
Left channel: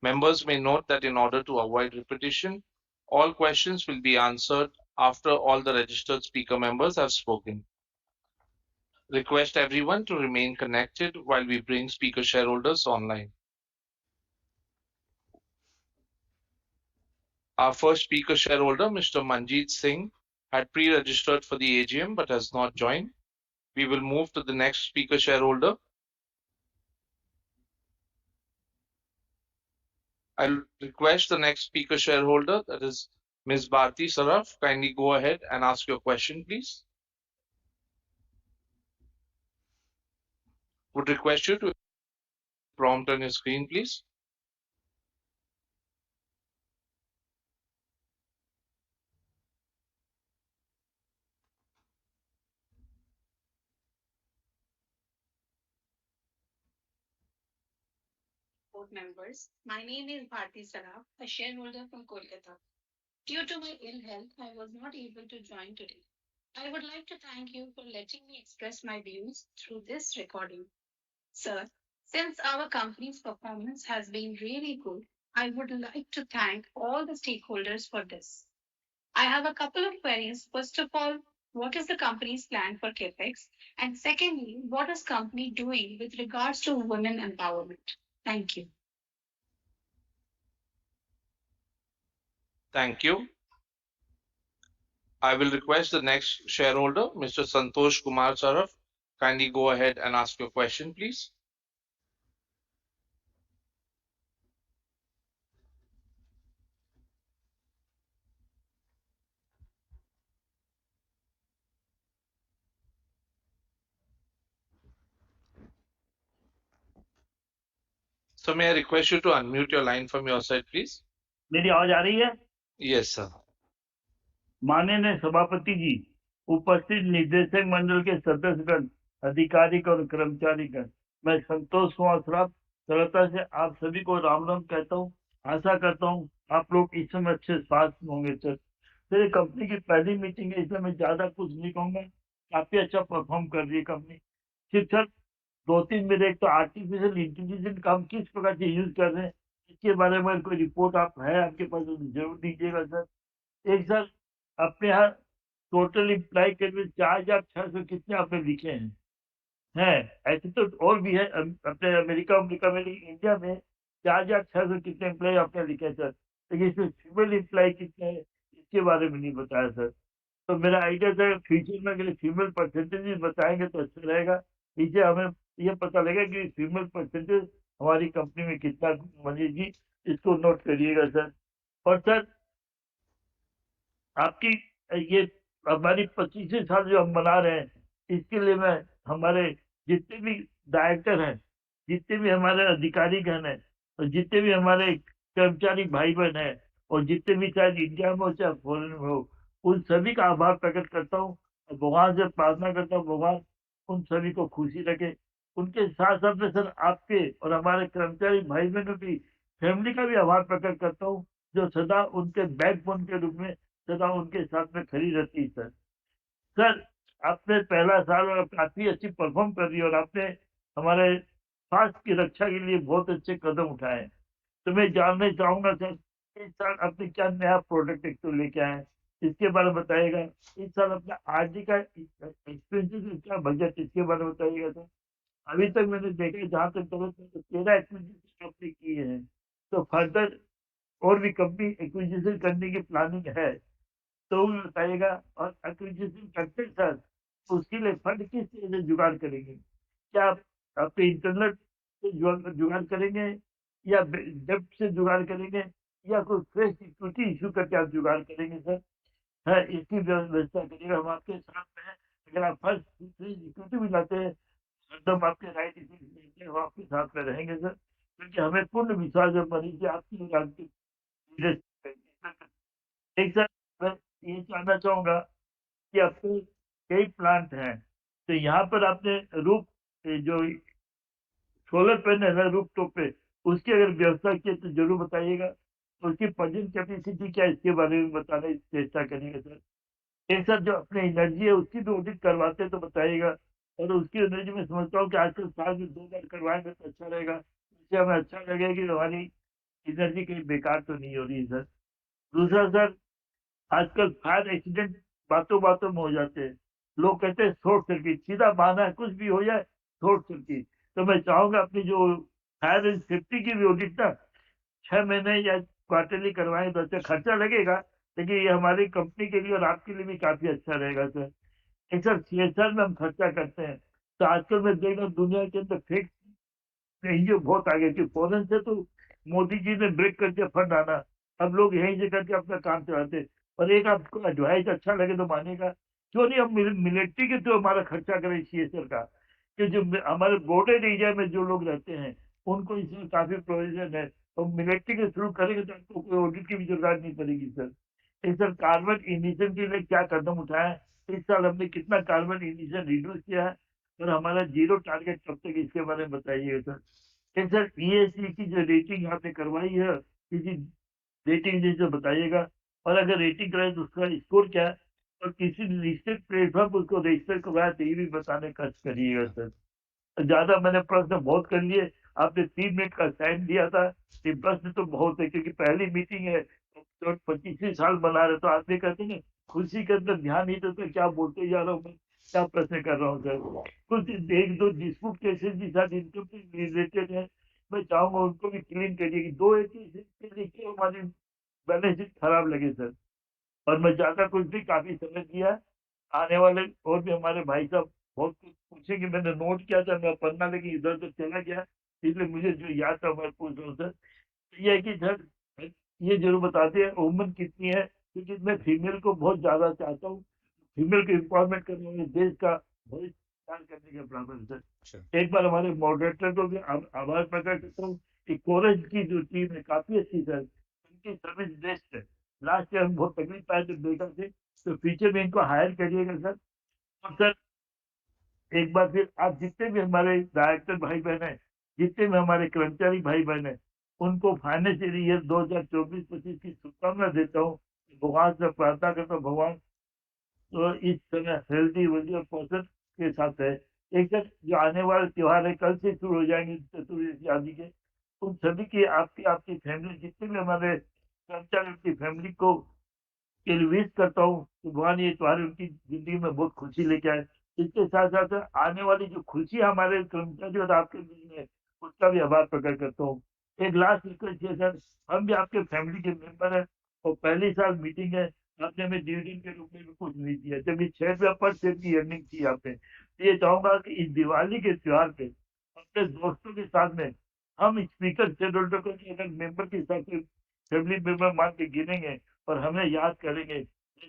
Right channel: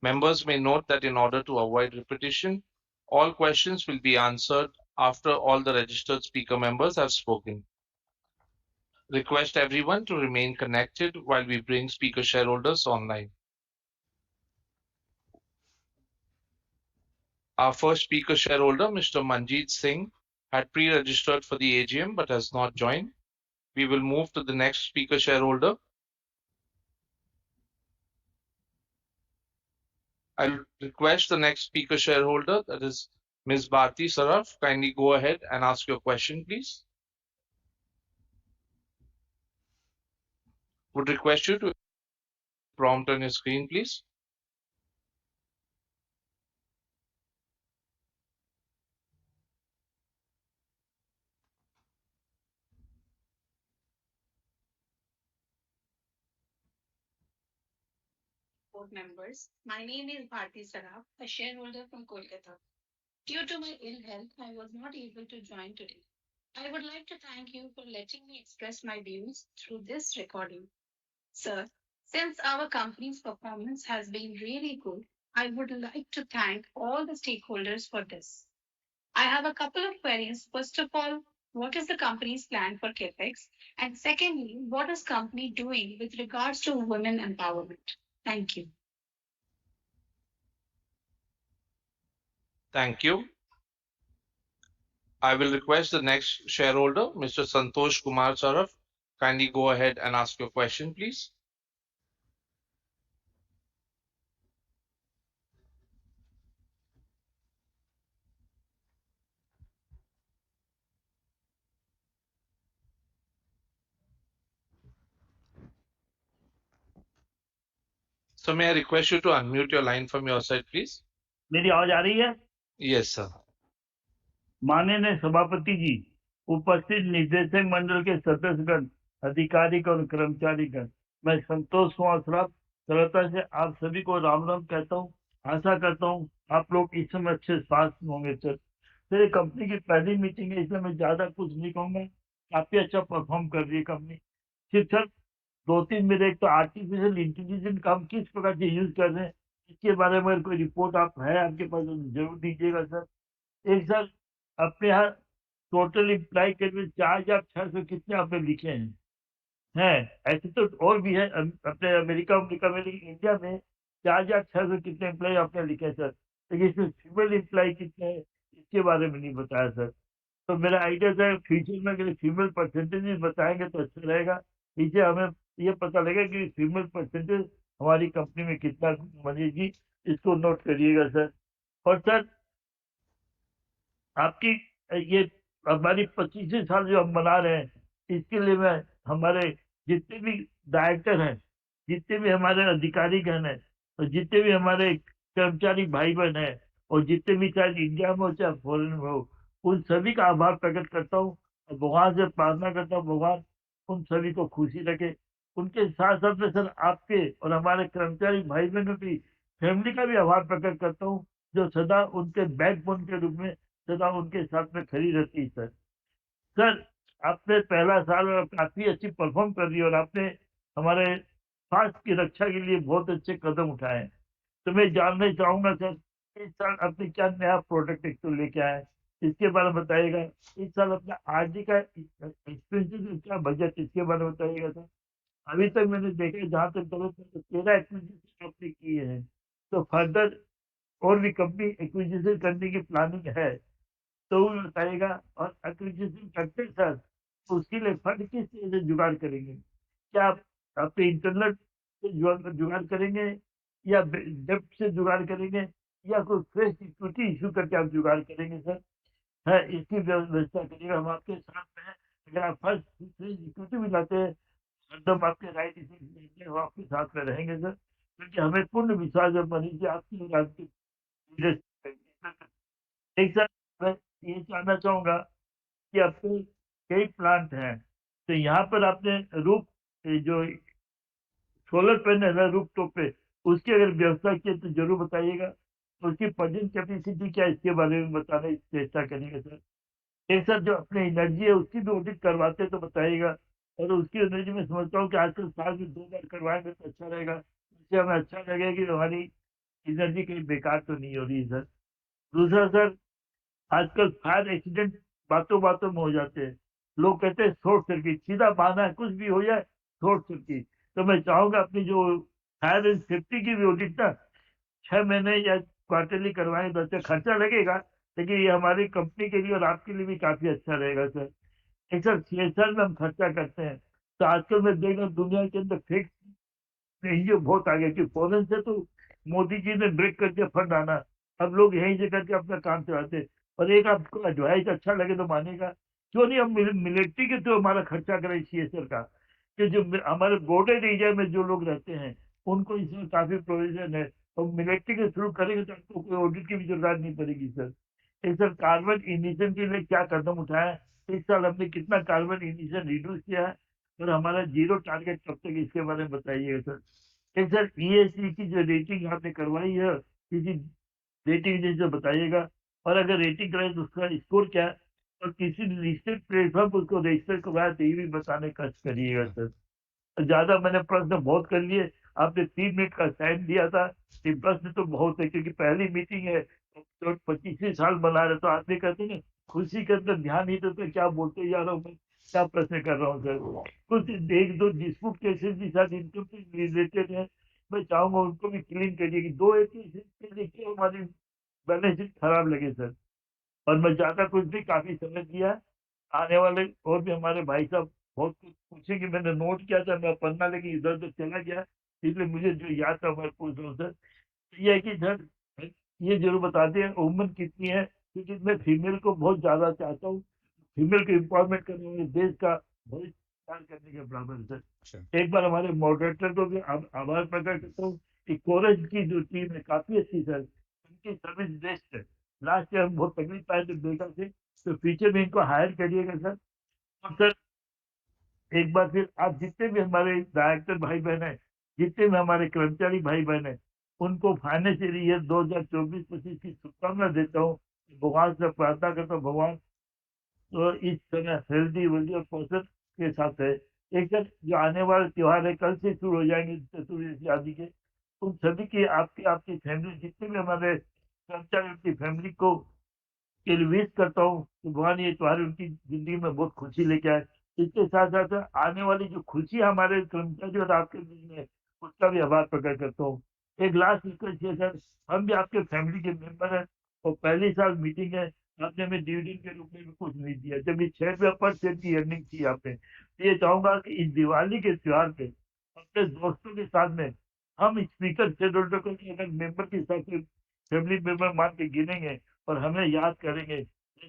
Members may note that in order to avoid repetition, all questions will be answered after all the registered speaker members have spoken. Request everyone to remain connected while we bring speaker shareholders online. Our first speaker shareholder, Mr. Manjeet Singh, had pre-registered for the AGM but has not joined. We will move to the next speaker shareholder. I'll request the next speaker shareholder, that is Ms. Bharti Saraf. Kindly go ahead and ask your question, please. Would request you to prompt on your screen, please. Board members, my name is Bharti Saraf, a shareholder from Kolkata. Due to my ill health, I was not able to join today. I would like to thank you for letting me express my views through this recording. Sir, since our company's performance has been really good, I would like to thank all the stakeholders for this. I have a couple of queries. First of all, what is the company's plan for CapEx? And secondly, what is company doing with regards to women empowerment? Thank you. Thank you. I will request the next shareholder, Mr. Santosh Kumar Saraf. Kindly go ahead and ask your question, please. So may I request you to unmute your line from your side, please? मेरी आवाज आ रही है? Yes, sir. माननीय सभापति जी, उपस्थित निदेशक मंडल के सदस्यगण, अधिकारीगण और कर्मचारीगण, मैं संतोष कुमार श्रॉफ कोलकाता से आप सभी को राम राम कहता हूँ। आशा करता हूँ आप लोग इस समय अच्छे स्वास्थ्य होंगे। सर, मेरी कंपनी की पहली मीटिंग है, इसलिए मैं ज्यादा कुछ नहीं कहूंगा। काफी अच्छा परफॉर्म कर रही है कंपनी। सिर्फ सर दो तीन मेरे, एक तो आर्टिफिशियल इंटेलिजेंस का हम किस प्रकार से यूज कर रहे हैं, इसके बारे में कोई रिपोर्ट आप है आपके पास तो जरूर दीजिएगा सर। एक सर, अपने यहाँ टोटल इम्प्लाई के 4600 कितने आपने लिखे हैं ऐसे तो और भी है अपने अमेरिका में, इंडिया में 4600 कितने एम्प्लॉय आपने लिखे सर, लेकिन इसमें फीमेल एम्प्लॉय कितने हैं इसके बारे में नहीं बताया सर। तो मेरा आइडिया था फ्यूचर में अगर फीमेल परसेंटेज बताएंगे तो अच्छा रहेगा। इससे हमें ये पता लगेगा कि फीमेल परसेंटेज हमारी कंपनी में कितना बनेगी, इसको नोट करिएगा सर। और सर आपकी ये हमारी 25वें साल जो हम मना रहे हैं, इसके लिए मैं हमारे जितने भी डायरेक्टर हैं, जितने भी हमारे अधिकारीगण हैं और जितने भी हमारे कर्मचारी भाई बहन हैं और जितने भी शायद इंडिया में हो चाहे फॉरेन में हो, उन सभी का आभार प्रकट करता हूँ और भगवान से प्रार्थना करता हूँ भगवान उन सभी को खुशी रखे। उनके साथ साथ में सर आपके और हमारे कर्मचारी भाई बहनों की फैमिली का भी आभार प्रकट करता हूँ, जो सदा उनके बैकबोन के रूप में सदा उनके साथ में खड़ी रहती है। सर आपने पहला साल और काफी अच्छी परफॉर्म कर रही है और आपने हमारे स्वास्थ्य की रक्षा के लिए बहुत अच्छे कदम उठाए हैं। तो मैं जानना चाहूंगा सर, इस साल आपने क्या नया प्रोडक्ट एक तो लेके आए हैं, इसके बारे में बताइएगा। इस साल अपना आरडी का एक्सपेंसेस क्या बजट, इसके बारे में बताइएगा सर। अभी तक मैंने देखा जहाँ तक तो 13 एक्विजिशन आपने किए हैं, तो फर्दर और भी कंपनी एक्विजिशन करने की प्लानिंग है तो वो बताइएगा। और एक्विजिशन करते हैं सर, तो उसके लिए फंड किस तरह से जुगाड़ करेंगे? क्या आप अपने इंटरनल से जुगाड़ करेंगे या डेब्ट से जुगाड़ करेंगे या कोई फ्रेश इक्विटी इशू करके आप जुगाड़ करेंगे सर? है इसकी व्यवस्था करिएगा, हम आपके साथ में हैं। अगर आप फर्स्ट फ्रेश इक्विटी भी लाते हैं एकदम आपके राइट इश्यूज हम आपके साथ में रहेंगे सर, क्योंकि हमें पूर्ण विश्वास है मनीष जी आपकी और आपकी लीडरशिप पे। एक सर मैं ये जानना चाहूंगा कि आपके कई प्लांट हैं, तो यहाँ पर आपने रूप जो सोलर पैनल है रूप टॉप पे, उसकी अगर व्यवस्था की है तो जरूर बताइएगा। उसकी प्रेजेंट कैपेसिटी क्या है इसके बारे में बताने की चेष्टा करिएगा सर। एक सर जो अपनी एनर्जी है उसकी भी ऑडिट करवाते हैं तो बताइएगा। और उसकी एनर्जी में समझता हूँ कि आजकल साल में 2 बार करवाएंगे तो अच्छा रहेगा, इससे हमें अच्छा लगेगा कि हमारी एनर्जी कहीं बेकार तो नहीं हो रही है सर। दूसरा सर, आजकल फायर एक्सीडेंट बातों बातों में हो जाते हैं, लोग कहते हैं शॉर्ट सर्किट, सीधा बहाना है कुछ भी हो जाए शॉर्ट सर्किट। तो मैं चाहूंगा अपनी जो फायर एंड सेफ्टी की भी ऑडिट ना 6 महीने या क्वार्टरली करवाएं तो अच्छा खर्चा लगेगा, लेकिन ये हमारी कंपनी के लिए और आपके लिए भी काफी अच्छा रहेगा सर। एक सर सीएसआर में हम खर्चा करते हैं, तो आजकल मैं देख रहा हूँ दुनिया के अंदर फेक एनजीओ बहुत आगे कि फॉरेन से तो मोदी जी ने ब्रेक कर दिया फंड आना, अब लोग यहीं से करके अपना काम चलाते हैं। और एक आपको एडवाइस अच्छा लगे तो मानेगा, क्यों नहीं हम मिलिट्री के तो हमारा खर्चा करें सीएसआर का, कि जो हमारे बॉर्डर एरिया में जो लोग रहते हैं उनको इसमें काफी प्रोविजन है, तो मिलिट्री के थ्रू करेंगे तो आपको कोई ऑडिट की भी जरूरत नहीं पड़ेगी सर। एक सर कार्बन इमिशन के लिए क्या कदम उठाया है, इस साल हमने कितना कार्बन इमिशन रिड्यूस किया है और हमारा जीरो टारगेट कब तक, इसके बारे में बताइएगा सर। एक सर ईएससी की जो रेटिंग आपने करवाई है किसी रेटिंग एजेंसी से बताइएगा, और अगर रेटिंग कराए तो उसका स्कोर क्या है, और किसी लिस्टेड प्लेटफॉर्म पर उसको रजिस्टर करवाया तो ये भी बताने का करिएगा सर। ज्यादा मैंने प्रश्न बहुत कर लिए, आपने 3 मिनट का टाइम दिया था, ये प्रश्न तो बहुत है क्योंकि पहली मीटिंग है तो 25वें साल बना रहे, तो आदमी कहते हैं खुशी के अंदर ध्यान नहीं देते क्या बोलते जा रहा हूँ मैं, क्या प्रश्न कर रहा हूँ सर। कुछ एक दो डिस्प्यूट केसेस भी साथ इनकम से रिलेटेड है, मैं चाहूंगा उनको भी क्लीन करिए कि दो एक केसेस के लिए क्यों हमारी बैलेंस शीट खराब लगे सर। और मैं ज्यादा कुछ भी काफी समय दिया है, आने वाले और भी हमारे भाई साहब बहुत कुछ पूछेंगे, मैंने नोट किया था मैं पढ़ना लेकिन इधर उधर चला गया, इसलिए मुझे जो याद था मैं पूछ रहा हूँ सर। तो ये है कि सर ये जरूर बता दें उम्र कितनी है, क्योंकि मैं फीमेल को बहुत ज्यादा चाहता हूँ, फीमेल को एम्पावरमेंट करने में देश का भविष्य तैयार करने के बराबर है सर। एक बार हमारे मॉडरेटर को भी आभार प्रकट करता हूँ कि कोरज की जो टीम है काफी अच्छी सर, उनकी सर्विस बेस्ट है। लास्ट ईयर हम बहुत तकलीफ पाए थे बेटा से, तो फ्यूचर में इनको हायर करिएगा सर। और सर एक बार फिर आप जितने भी हमारे डायरेक्टर भाई बहन है, जितने भी हमारे कर्मचारी भाई बहन है, उनको फाइनेंशियल ईयर 2024-25 की शुभकामना देता हूँ। भगवान से प्रार्थना करता हूँ भगवान तो इस समय हेल्दी वेल्दी और पोषण के साथ है। एक सर जो आने वाले त्योहार है कल से शुरू हो जाएंगे चतुर्दशी आदि के, उन सभी की आपकी आपकी फैमिली जितने भी हमारे कर्मचारी उनकी फैमिली को के लिए विश करता हूँ कि भगवान ये त्योहार उनकी जिंदगी में बहुत खुशी लेके आए। इसके साथ साथ आने वाली जो खुशी हमारे कर्मचारी और आपके बीच में, उसका भी आभार प्रकट करता हूँ। एक लास्ट रिक्वेस्ट है सर, हम भी आपके फैमिली के मेंबर हैं और पहली साल मीटिंग है, आपने हमें डिविडेंड के रूप में भी कुछ नहीं दिया, जबकि 6 रुपया पर शेयर की अर्निंग थी यहाँ पे। तो ये चाहूंगा कि इस दिवाली के त्योहार पे अपने दोस्तों के साथ में हम स्पीकर शेयर होल्डर को अगर मेंबर के हिसाब से फैमिली मेंबर मान के गिनेंगे और हमें याद करेंगे,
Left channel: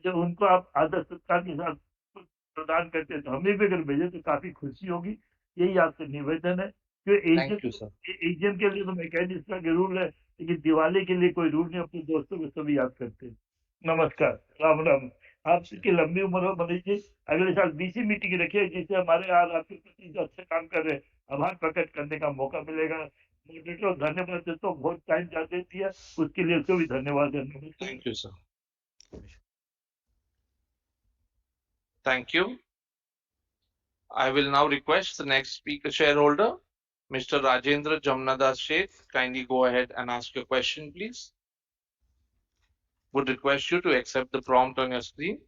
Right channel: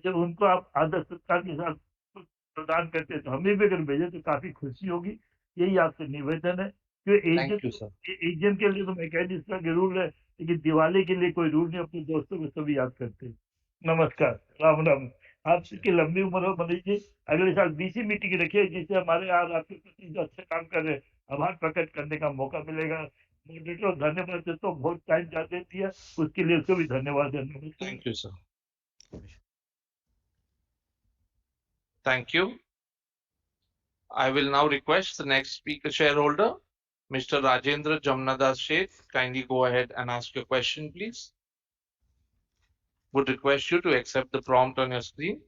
जब उनको आप आदर सत्कार के साथ कुछ प्रदान करते हैं तो हमें भी अगर भेजे तो काफी खुशी होगी। यही आपसे निवेदन है कि थैंक यू सर। एजीएम के लिए तो मैं कह नहीं इसका रूल है, लेकिन दिवाली के लिए कोई रूल नहीं, अपने दोस्तों को सभी याद करते हैं। नमस्कार, राम राम। आपकी लंबी उम्र हो मनीष जी, अगले साल बीसी मीटिंग रखिए जिससे हमारे आज आपके प्रति जो अच्छे काम कर रहे हैं आभार प्रकट करने का मौका मिलेगा। मॉडरेटर धन्यवाद देता हूँ, बहुत टाइम ज्यादा दिया उसके लिए उसको भी धन्यवाद देना। Thank you sir. Thank you. I will now request the next speaker shareholder, Mr. Rajendra Jamnadas Sheth. Kindly go ahead and ask your question, please. Would request you to accept the prompt on your screen.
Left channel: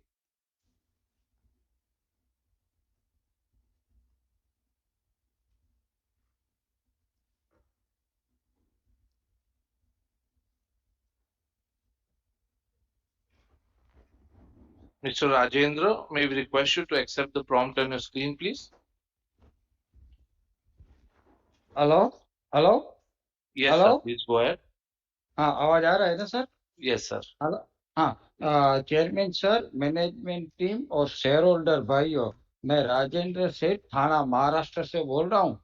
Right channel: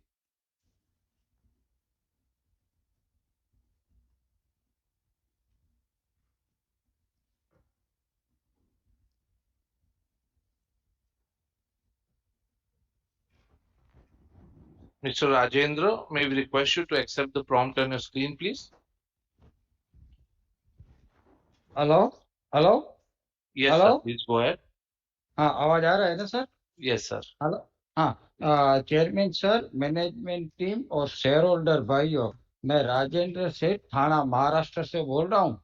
Mr. Rajendra, may we request you to accept the prompt on your screen, please? Hello hello Yes, hello sir. Please go ahead. हाँ आवाज आ रहा है ना sir Yes, sir. Hello हाँ chairman sir management team और share holder भाइयों मैं राजेंद्र सेठ थाना महाराष्ट्र से बोल रहा हूँ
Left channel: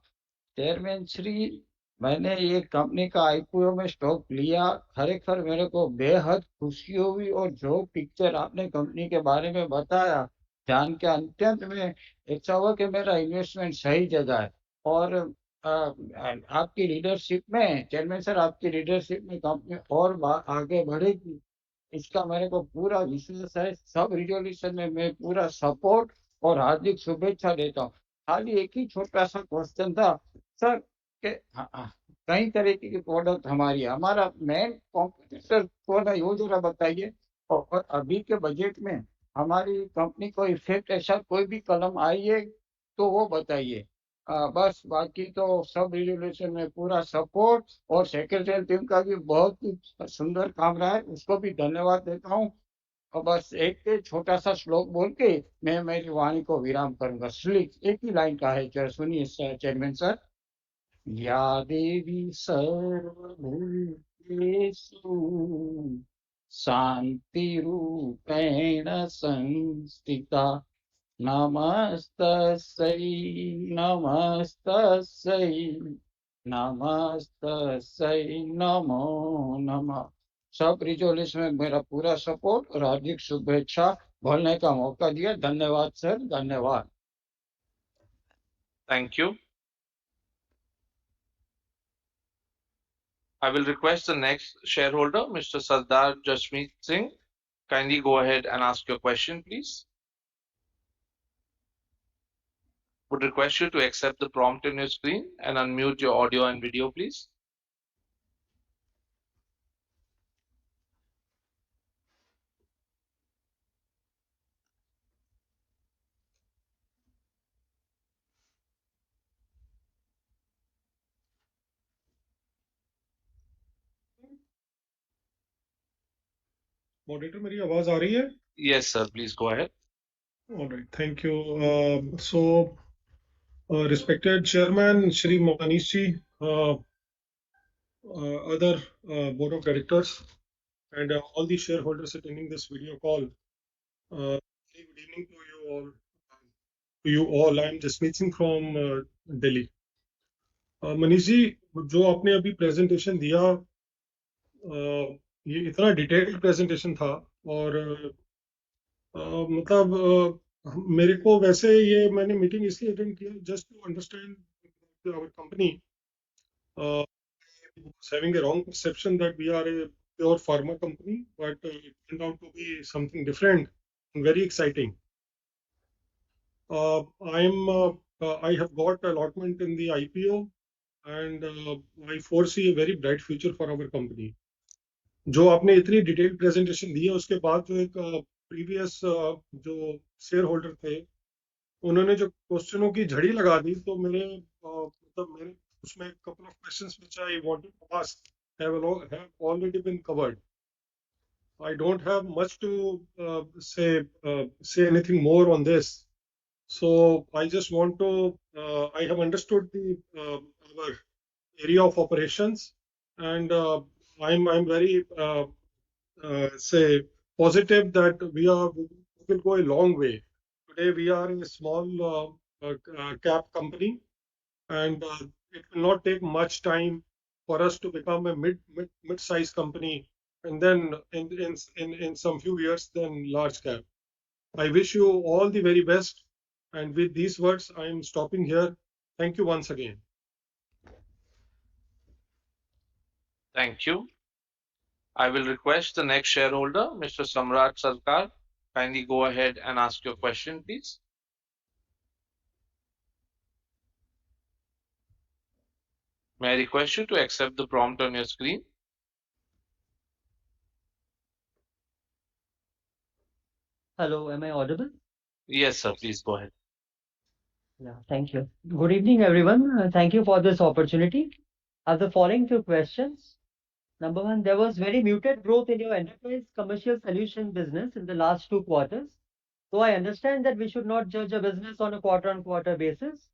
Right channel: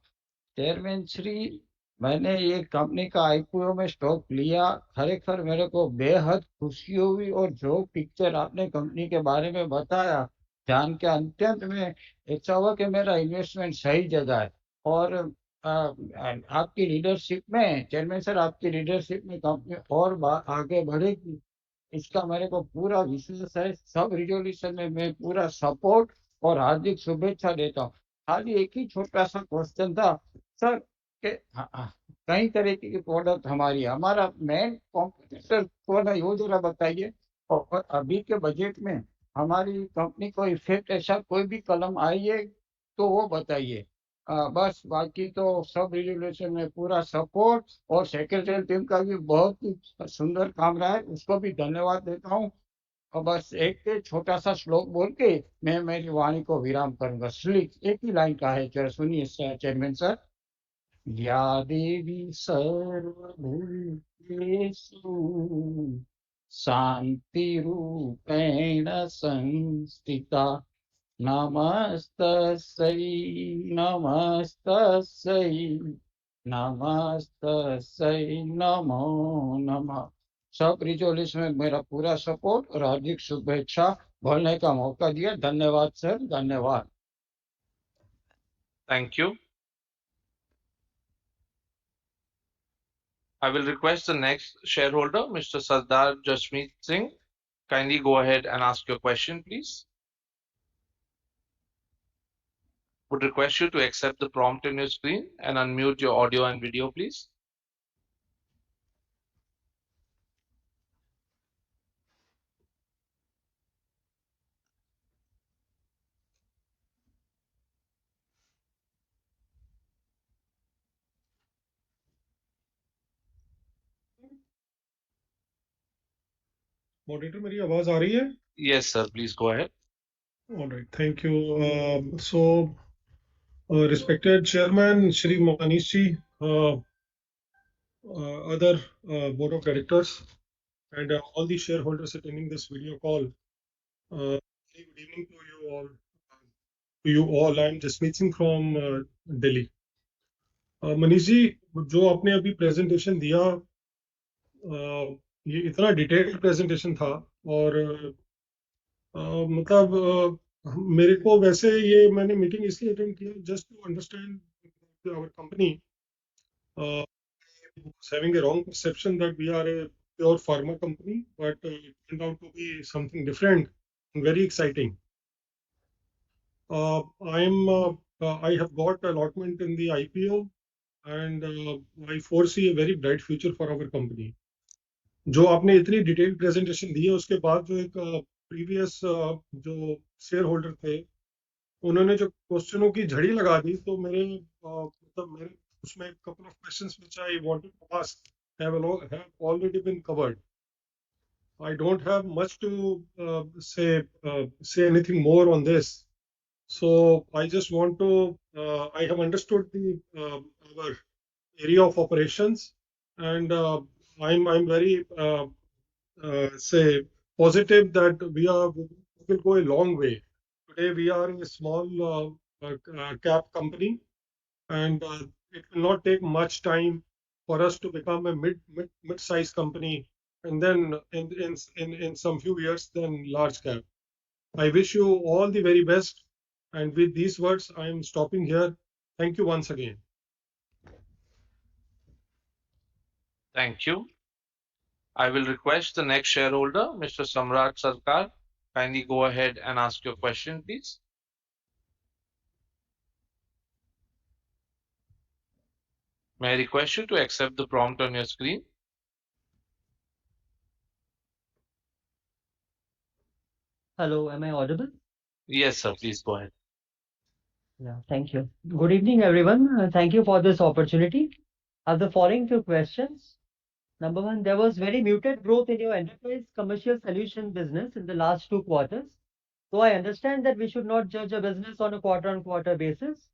चेयरमैन श्री मैंने ये कंपनी का आईपीओ में स्टॉक लिया खरेखर मेरे को बेहद खुशी हुई और जो पिक्चर आपने कंपनी के बारे में बताया जान के अत्यंत में ऐसा हुआ कि मेरा इन्वेस्टमेंट सही जगह है और आपकी लीडरशिप में चेयरमैन सर आपकी लीडरशिप में कंपनी और आगे बढ़ेगी इसका मेरे को पूरा विश्वास है सब रिजोल्यूशन में मैं पूरा सपोर्ट और हार्दिक शुभेच्छा देता हूँ खाली एक ही छोटा सा क्वेश्चन था सर के कई तरीके की प्रोडक्ट हमारी है हमारा मेन कॉम्पिटिटर कौन है वो जरा बताइए और अभी के बजट में हमारी कंपनी को इफेक्ट ऐसा कोई भी कलम आई है तो वो बताइए बस बाकी तो सब रिजोल्यूशन में पूरा सपोर्ट और सेक्रेटरी टीम का भी बहुत ही सुंदर काम रहा है उसको भी धन्यवाद देता हूँ और बस एक छोटा सा श्लोक बोल के मैं मेरी वाणी को विराम करूंगा श्लोक एक ही लाइन का है जरा सुनिए चेयरमैन सर या देवी सर्वभूतेषु शांति रूपेण संस्थिता नमस्तस्यै नमस्तस्यै नमस्तस्यै नमो नमः सब रिजोल्यूशन में मेरा पूरा सपोर्ट और हार्दिक शुभेच्छा बोलने का मौका दिया धन्यवाद सर धन्यवाद Thank you. I will request the next shareholder, Mr. Sardar Jasmeet Singh. Kindly go ahead and ask your question, please. Would request you to accept the prompt on your screen and unmute your audio and video, please. Moderator मेरी आवाज आ रही है Yes, sir. Please go ahead. All right, thank you. Respected Chairman Shri Manish ji, other board of directors, and all the shareholders attending this video call. Very good evening to you all. I'm Jasmeet Singh from Delhi. Manish ji, जो आपने अभी presentation दिया ये इतना detailed presentation था और मतलब मेरे को वैसे ये मैंने मीटिंग इसलिए अटेंड किया just to understand our company having a wrong perception that we are a pure pharma company, but it turned out to be something different and very exciting. I have got allotment in the IPO and I foresee a very bright future for our company. जो आपने इतनी detailed presentation दी है उसके बाद जो एक previous जो share holder थे उन्होंने जो क्वेश्चनों की झड़ी लगा दी तो मतलब मेरे उसमें couple of questions which I wanted to ask have already been covered. I don't have much to say anything more on this. So I just want to I have understood the our area of operations and I'm very say positive that we will go a long way. Today we are a small cap company and it will not take much time for us to become a mid-sized company and then in some few years then large cap. I wish you all the very best and with these words I am stopping here. Thank you once again. Thank you. I will request the next shareholder, Mr. Samrat Sarkar. Kindly go ahead and ask your question, please. May I request you to accept the prompt on your screen? Hello, am I audible? Yes, sir. Please go ahead. Yeah, thank you. Good evening, everyone. Thank you for this opportunity. I have the following few questions. Number one, there was very muted growth in your enterprise commercial solution business in the last 2 quarters. So I understand that we should not judge a business on a quarter-on-quarter basis.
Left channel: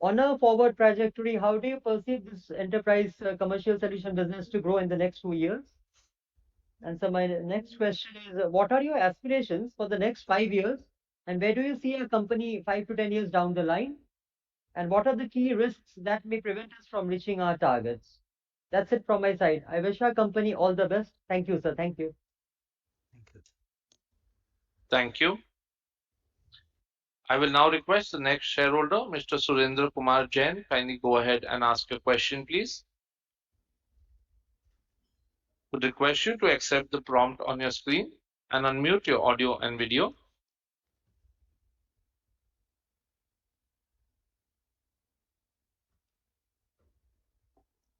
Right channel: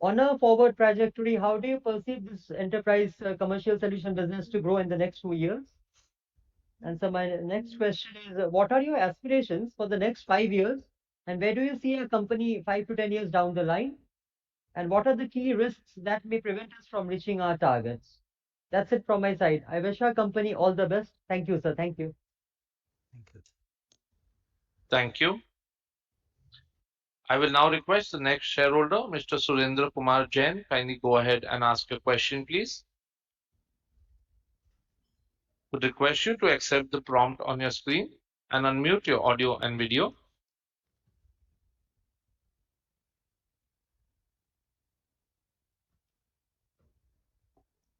On a forward trajectory, how do you perceive this enterprise commercial solution business to grow in the next 2 years? And so my next question is, what are your aspirations for the next 5 years? And where do you see a company 5 to 10 years down the line? And what are the key risks that may prevent us from reaching our targets? That's it from my side. I wish our company all the best. Thank you, sir. Thank you. Thank you. Thank you. I will now request the next shareholder, Mr. Surendra Kumar Jain. Kindly go ahead and ask your question, please. Would request you to accept the prompt on your screen and unmute your audio and video.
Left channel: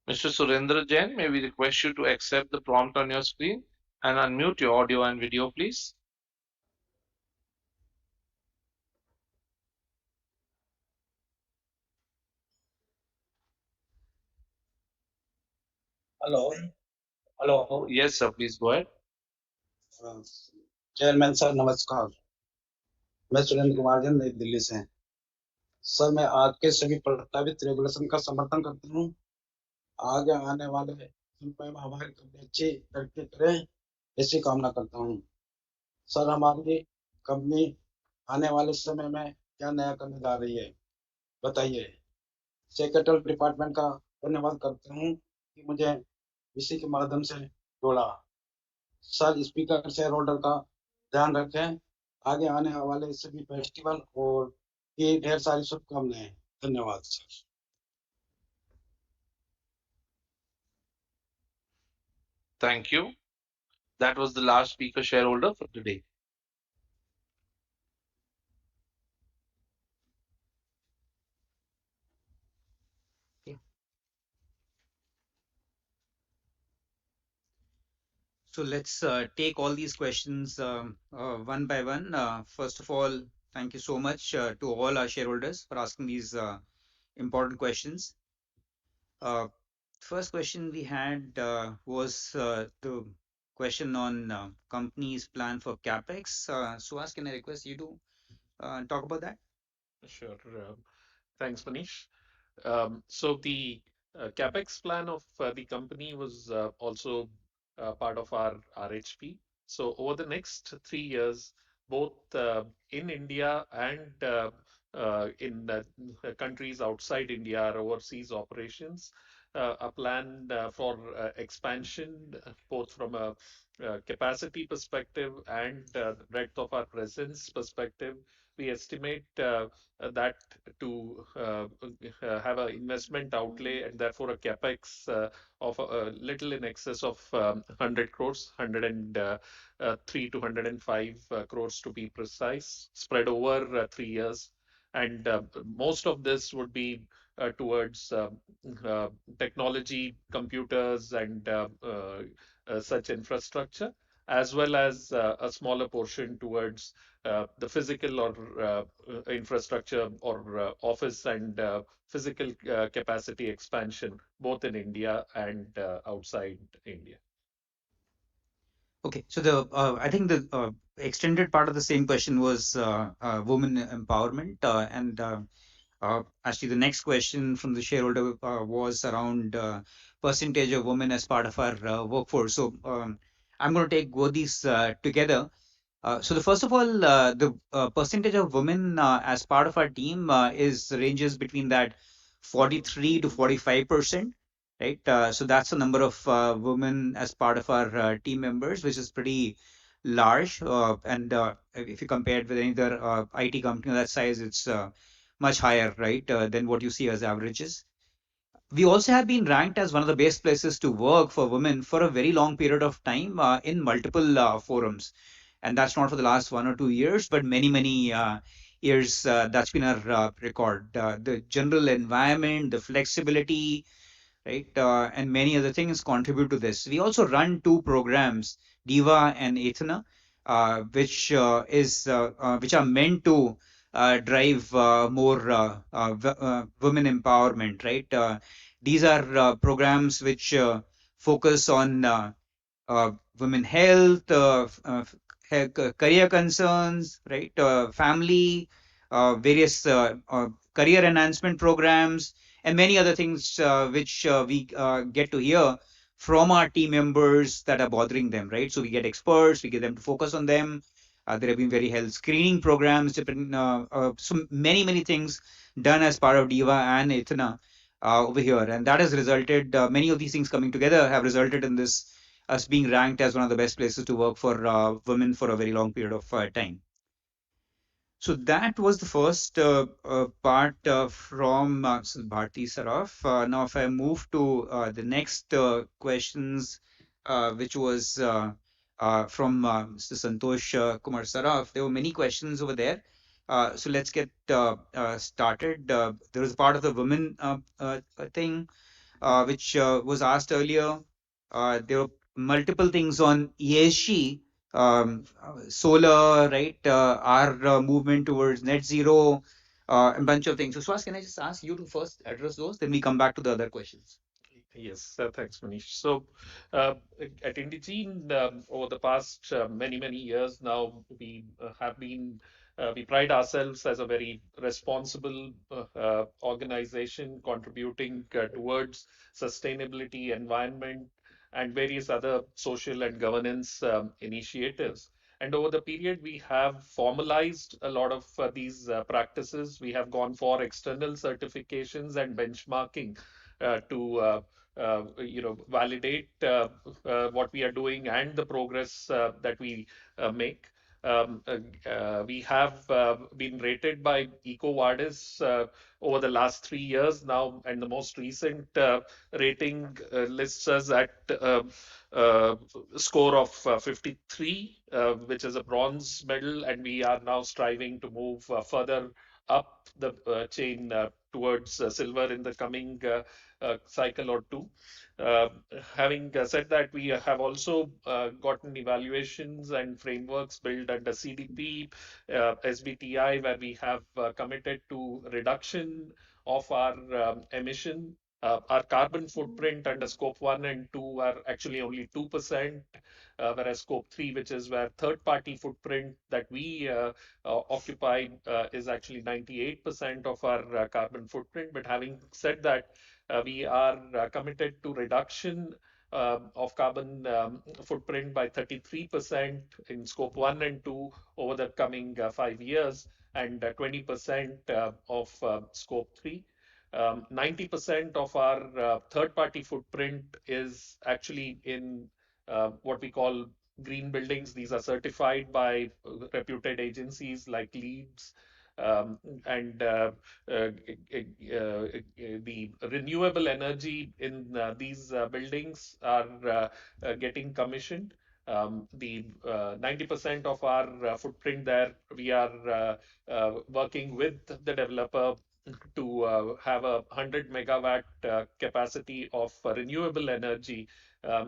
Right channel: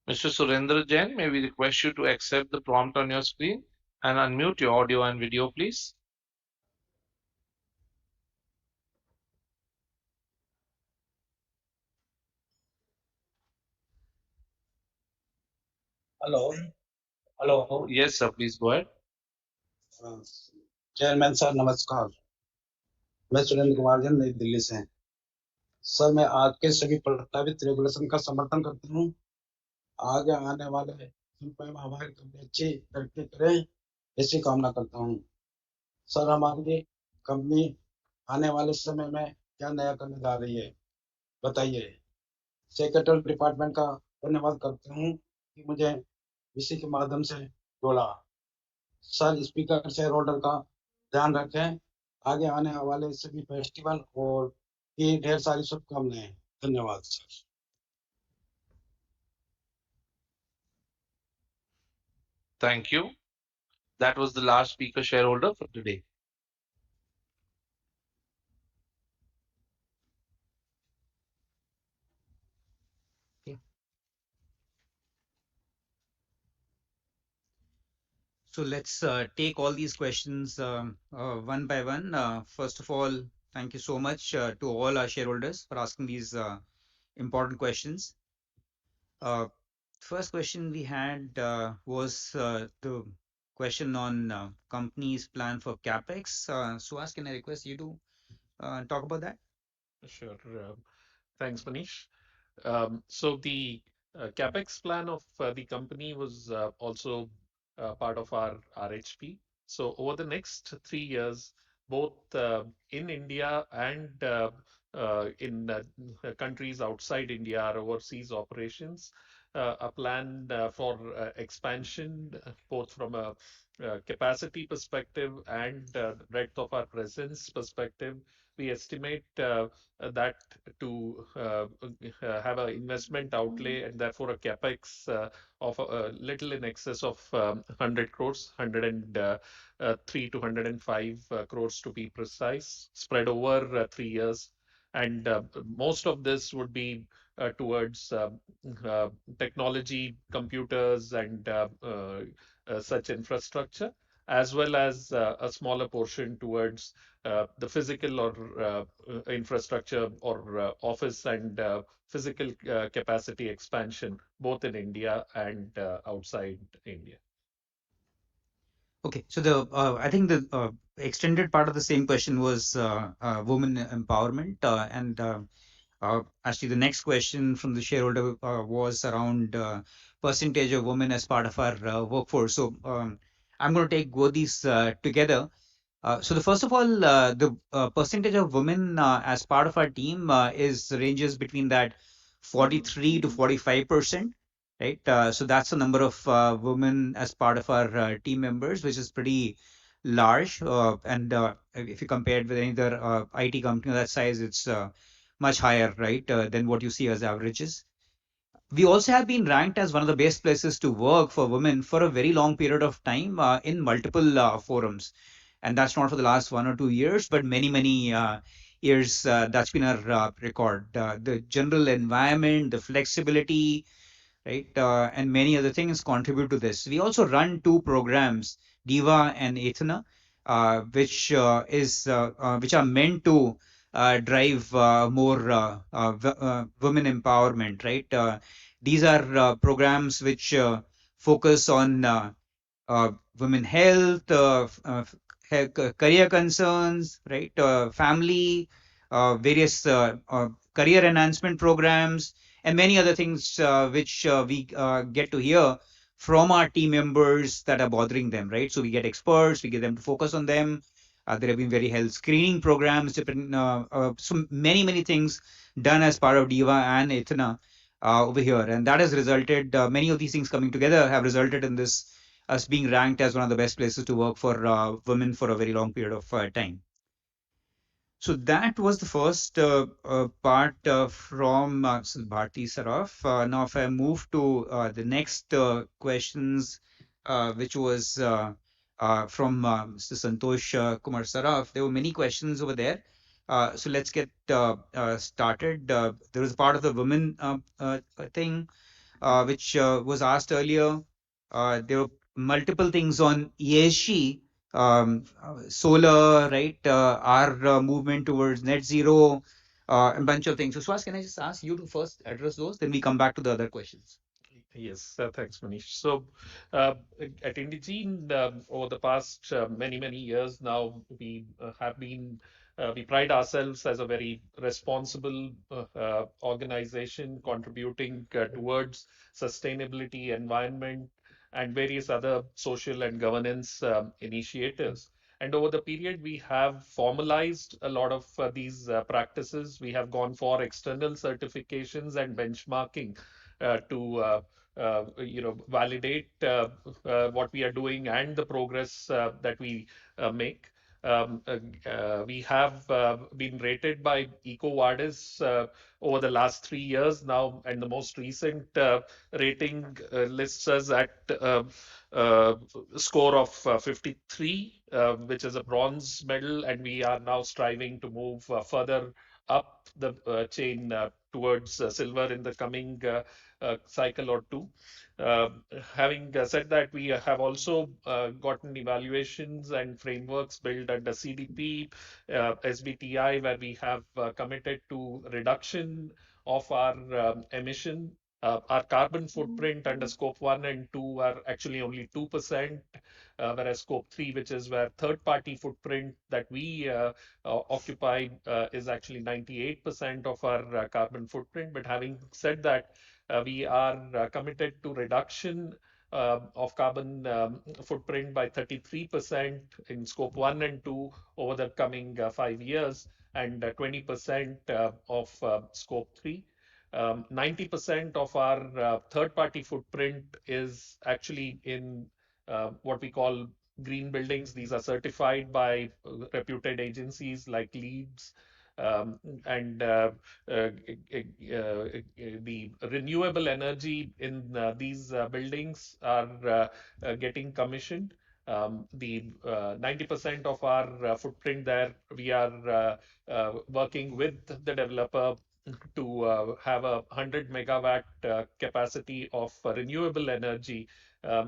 Mr. Surendra Jain, may we request you to accept the prompt on your screen and unmute your audio and video, please. Hello hello Yes, sir. Please go ahead. Chairman sir नमस्कार। मैं सुरेंद्र कुमार जैन नई दिल्ली से। Sir मैं आज के सभी प्रस्तावित regulation का समर्थन करता हूँ। आगे आने वाले समय में हमारी कंपनी अच्छी तरक्की करे ऐसी कामना करता हूँ। सर हमारी कंपनी आने वाले समय में क्या नया करने जा रही है बताइए। सेक्रेटरी डिपार्टमेंट का धन्यवाद करता हूँ कि मुझे इसी के माध्यम से जोड़ा। सर स्पीकर शेयर होल्डर का ध्यान रखें। आगे आने वाले सभी फेस्टिवल और की ढेर सारी शुभकामनाएं। धन्यवाद sir. Thank you. That was the last speaker shareholder for today. So let's take all these questions one by one. First of all, thank you so much to all our shareholders for asking these important questions. First question we had was the question on company's plan for capex. Suhas, can I request you to talk about that? Sure. Thanks, Manish. So the capex plan of the company was also part of our RHP. So over the next 3 years, both in India and in countries outside India, our overseas operations, a plan for expansion, both from a capacity perspective and breadth of our presence perspective. We estimate that to have an investment outlay and therefore a capex of a little in excess of 100 crores, 103 to 105 crores to be precise, spread over 3 years. And most of this would be towards uh, technology, computers, and such infrastructure, as well as a smaller portion towards the physical or infrastructure or office and physical capacity expansion, both in India and outside India. Okay, so the I think the extended part of the same question was women empowerment, and actually the next question from the shareholder was around percentage of women as part of our workforce. So I'm going to take both these together. So the first of all, the percentage of women as part of our team is ranges between that 43 to 45%, right? So that's the number of women as part of our team members, which is pretty large. And if you compare it with any other IT company of that size, it's much higher, right, than what you see as averages. We also have been ranked as one of the best places to work for women for a very long period of time in multiple forums. And that's not for the last 1 or 2 years, but many years. That's been our record. The general environment, the flexibility, right? And many other things contribute to this. We also run two programs, Diva and Athena, which are meant to drive more women empowerment, right? These are programs which focus on women health, career concerns, right? Family, various career enhancement programs, and many other things which we get to hear from our team members that are bothering them, right? So we get experts, we get them to focus on them. There have been very health screening programs, different, so many things done as part of Diva and Ithana over here, and that has resulted. Many of these things coming together have resulted in this us being ranked as one of the best places to work for women for a very long period of time. So that was the first part from Bharti Saraf. Now, if I move to the next questions, which was from Mr. Santosh Kumar Saraf, there were many questions over there. So let's get started. There was a part of the women thing which was asked earlier. There were multiple things on ESG, solar, right? Our movement towards net zero, a bunch of things. So, Swaz, can I just ask you to first address those? Then we come back to the other questions. Yes, thanks, Manish. So, at Indegene, over the past many years now, we pride ourselves as a very responsible organization contributing towards sustainability, environment, and various other social and governance initiatives. And over the period, we have formalized a lot of these practices. We have gone for external certifications and benchmarking to validate what we are doing and the progress that we make. We have been rated by EcoVadis over the last 3 years now, and the most recent rating lists us at uh, score of 53, which is a bronze medal, and we are now striving to move further up the chain towards silver in the coming cycle or two. Uh, Having said that, we have also gotten evaluations and frameworks built under CDP, SBTI, where we have committed to reduction of our emission. Our carbon footprint under scope 1 and 2 are actually only 2%, whereas scope 3, which is where third party footprint that we occupy, is actually 98% of our carbon footprint. But having said that, we are committed to reduction of carbon footprint by 33% in scope 1 and 2 over the coming 5 years, and 20% of scope 3. 90% of our third party footprint is actually in what we call green buildings. These are certified by reputed agencies like LEEDs, and the renewable energy in these buildings are getting commissioned. The 90% of our footprint there, we are working with the developer to have a 100 megawatt capacity of renewable energy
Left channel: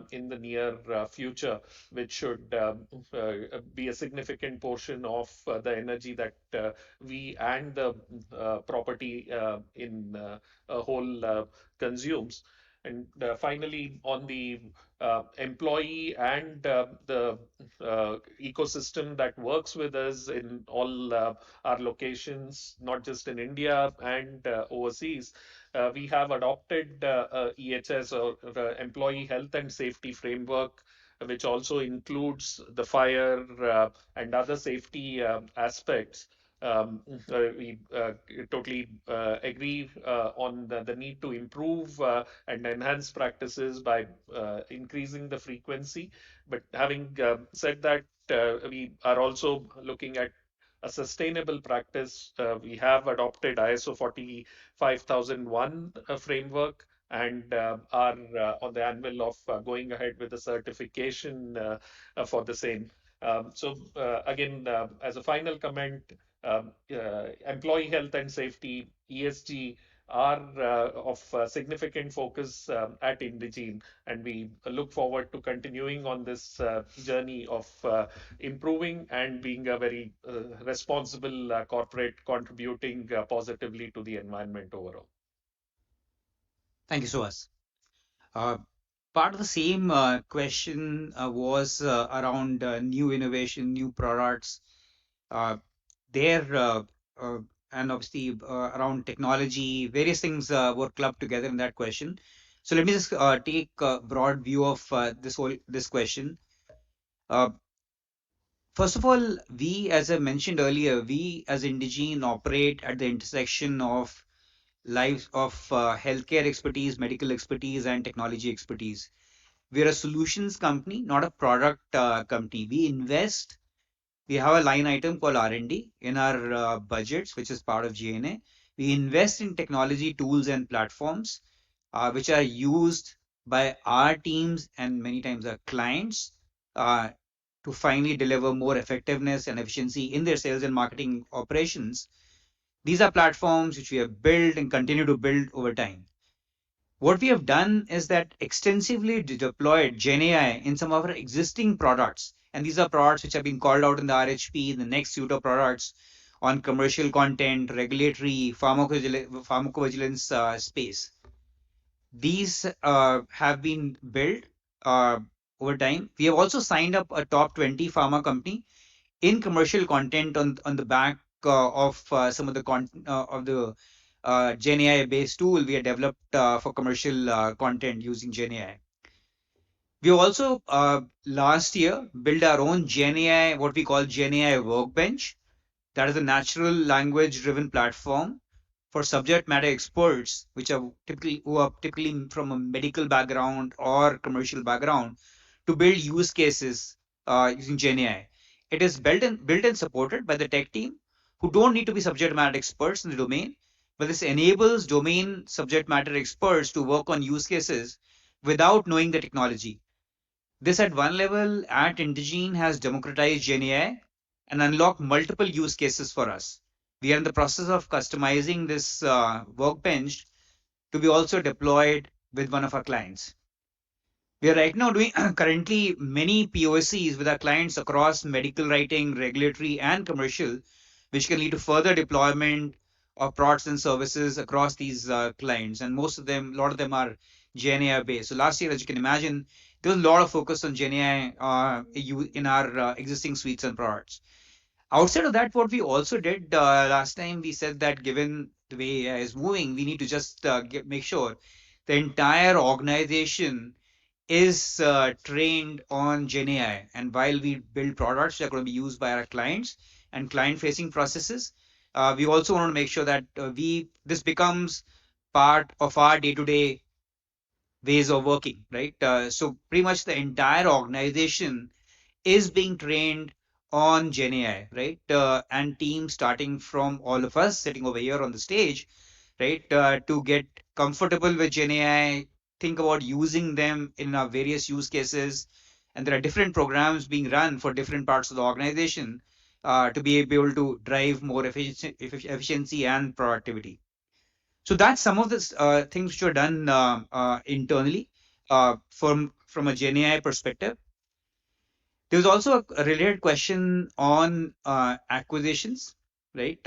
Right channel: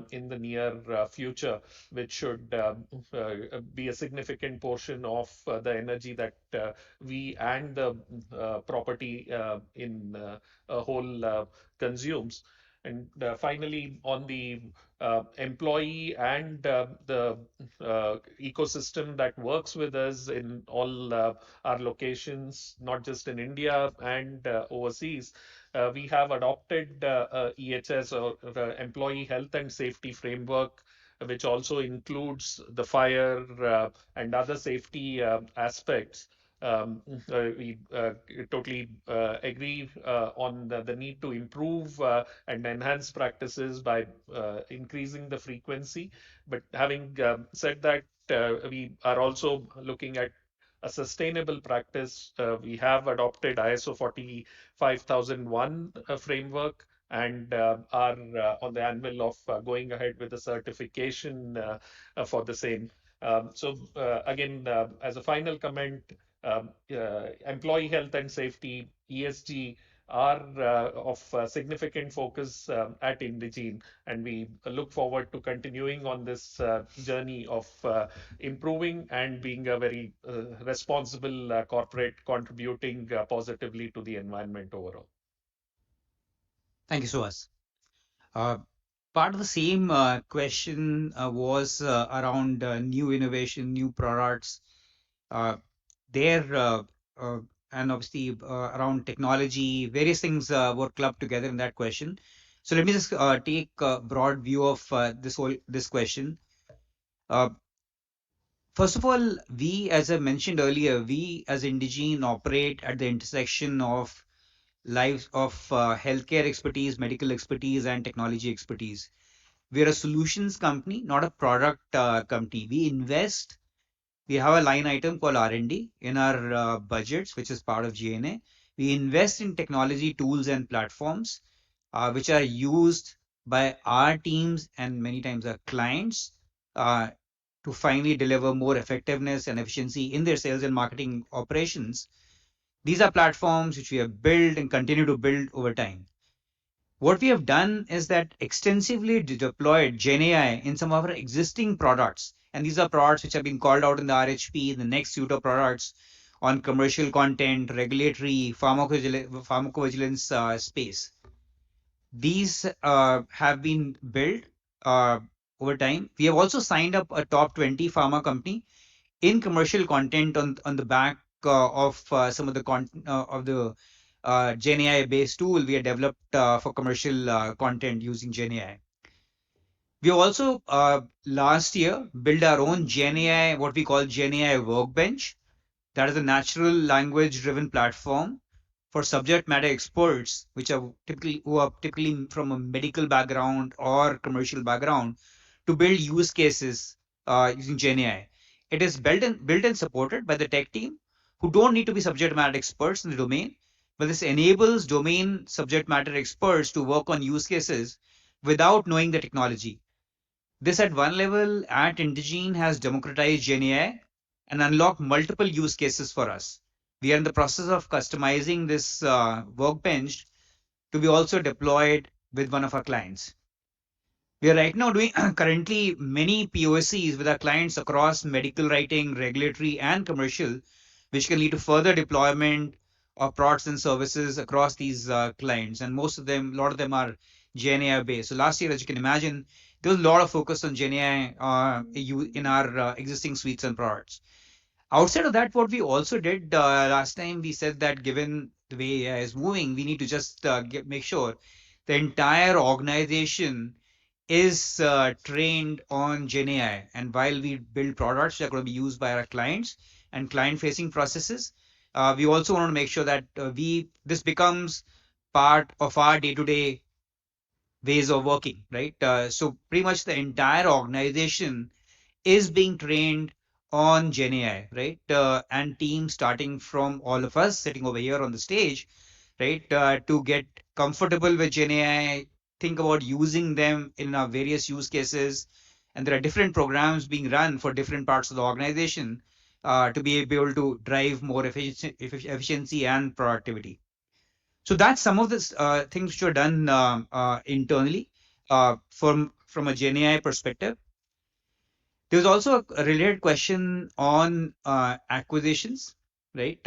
in the near future, which should be a significant portion of the energy that we and the property in a whole consumes. And finally, on the employee and the ecosystem that works with us in all our locations, not just in India and overseas, we have adopted EHS, or Employee Health and Safety Framework, which also includes the fire and other safety aspects. We totally agree on the need to improve and enhance practices by increasing the frequency. But having said that, we are also looking at a sustainable practice. We have adopted ISO 45001 framework, and are on the anvil of going ahead with the certification for the same. Again, as a final comment, employee health and safety, ESG, are of significant focus at Indegene, and we look forward to continuing on this journey of improving and being a very responsible corporate, contributing positively to the environment overall. Thank you, Suhas. Uh, Part of the same question was around new innovation, new products. Uh, there uh, and obviously around technology, various things were clubbed together in that question. So let me just take a broad view of this question. Uh, First of all, we, as I mentioned earlier, we as Indegene operate at the intersection of lives of healthcare expertise, medical expertise, and technology expertise. We're a solutions company, not a product company. We have a line item called R&D in our budgets, which is part of G&A. We invest in technology tools and platforms which are used by our teams and many times our clients uh, to finally deliver more effectiveness and efficiency in their sales and marketing operations. These are platforms which we have built and continue to build over time. What we have done is that extensively deployed GenAI in some of our existing products. And these are products which have been called out in the RHP, the next suite of products on commercial content, regulatory, pharmacovigilance space. These have been built uh, over time. We have also signed up a top 20 pharma company in commercial content on the back of some of the of the GenAI based tool we have developed for commercial content using GenAI. We also last year built our own GenAI, what we call GenAI Workbench. That is a natural language driven platform for subject matter experts, who are typically from a medical background or commercial background, to build use cases using GenAI. It is built and supported by the tech team who don't need to be subject matter experts in the domain, but this enables domain subject matter experts to work on use cases without knowing the technology. This at one level at Indegene has democratized GenAI and unlocked multiple use cases for us. We are in the process of customizing this workbench to be also deployed with one of our clients. We are right now doing currently many POCs with our clients across medical writing, regulatory, and commercial, which can lead to further deployment of products and services across these clients. And a lot of them are GenAI based. So last year, as you can imagine, there was a lot of focus on GenAI in our existing suites and products. Outside of that, what we also did last time, we said that given the way AI is moving, we need to just make sure the entire organization is trained on GenAI. And while we build products that are going to be used by our clients and client-facing processes, we also want to make sure that this becomes part of our day-to-day ways of working, right? So pretty much the entire organization is being trained on GenAI, right? And teams starting from all of us sitting over here on the stage, right? To get comfortable with GenAI, think about using them in our various use cases. And there are different programs being run for different parts of the organization to be able to drive more efficiency and productivity. So that's some of the things which are done internally from a GenAI perspective. There was also a related question on acquisitions, right?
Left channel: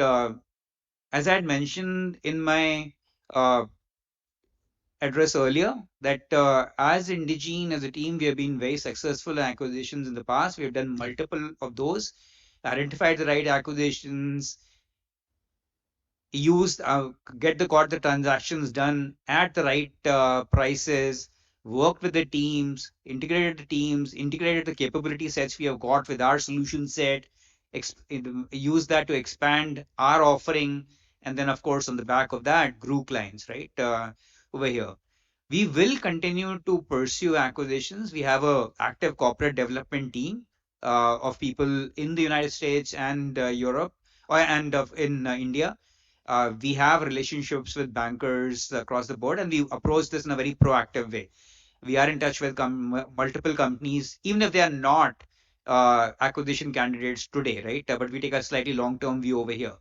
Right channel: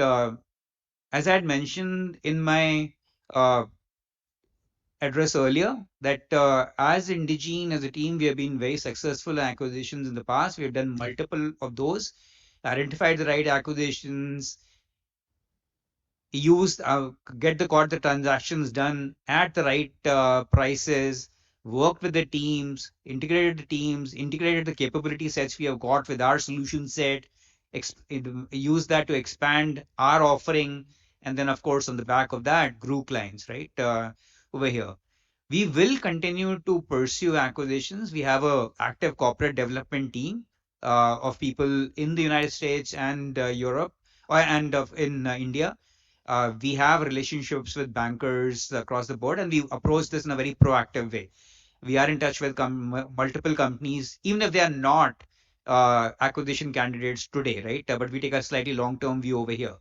As I had mentioned in my uh, address earlier, that as Indegene, as a team, we have been very successful in acquisitions in the past. We have done multiple of those, identified the right acquisitions, used got the transactions done at the right prices, worked with the teams, integrated the capability sets we have got with our solution set, use that to expand our offering, and then of course on the back of that grew clients, right? Over here we will continue to pursue acquisitions. We have a active corporate development team of people in the United States and Europe and in India. We have relationships with bankers across the board, and we approach this in a very proactive way. We are in touch with multiple companies, even if they are not acquisition candidates today, right? But we take a slightly long-term view over here.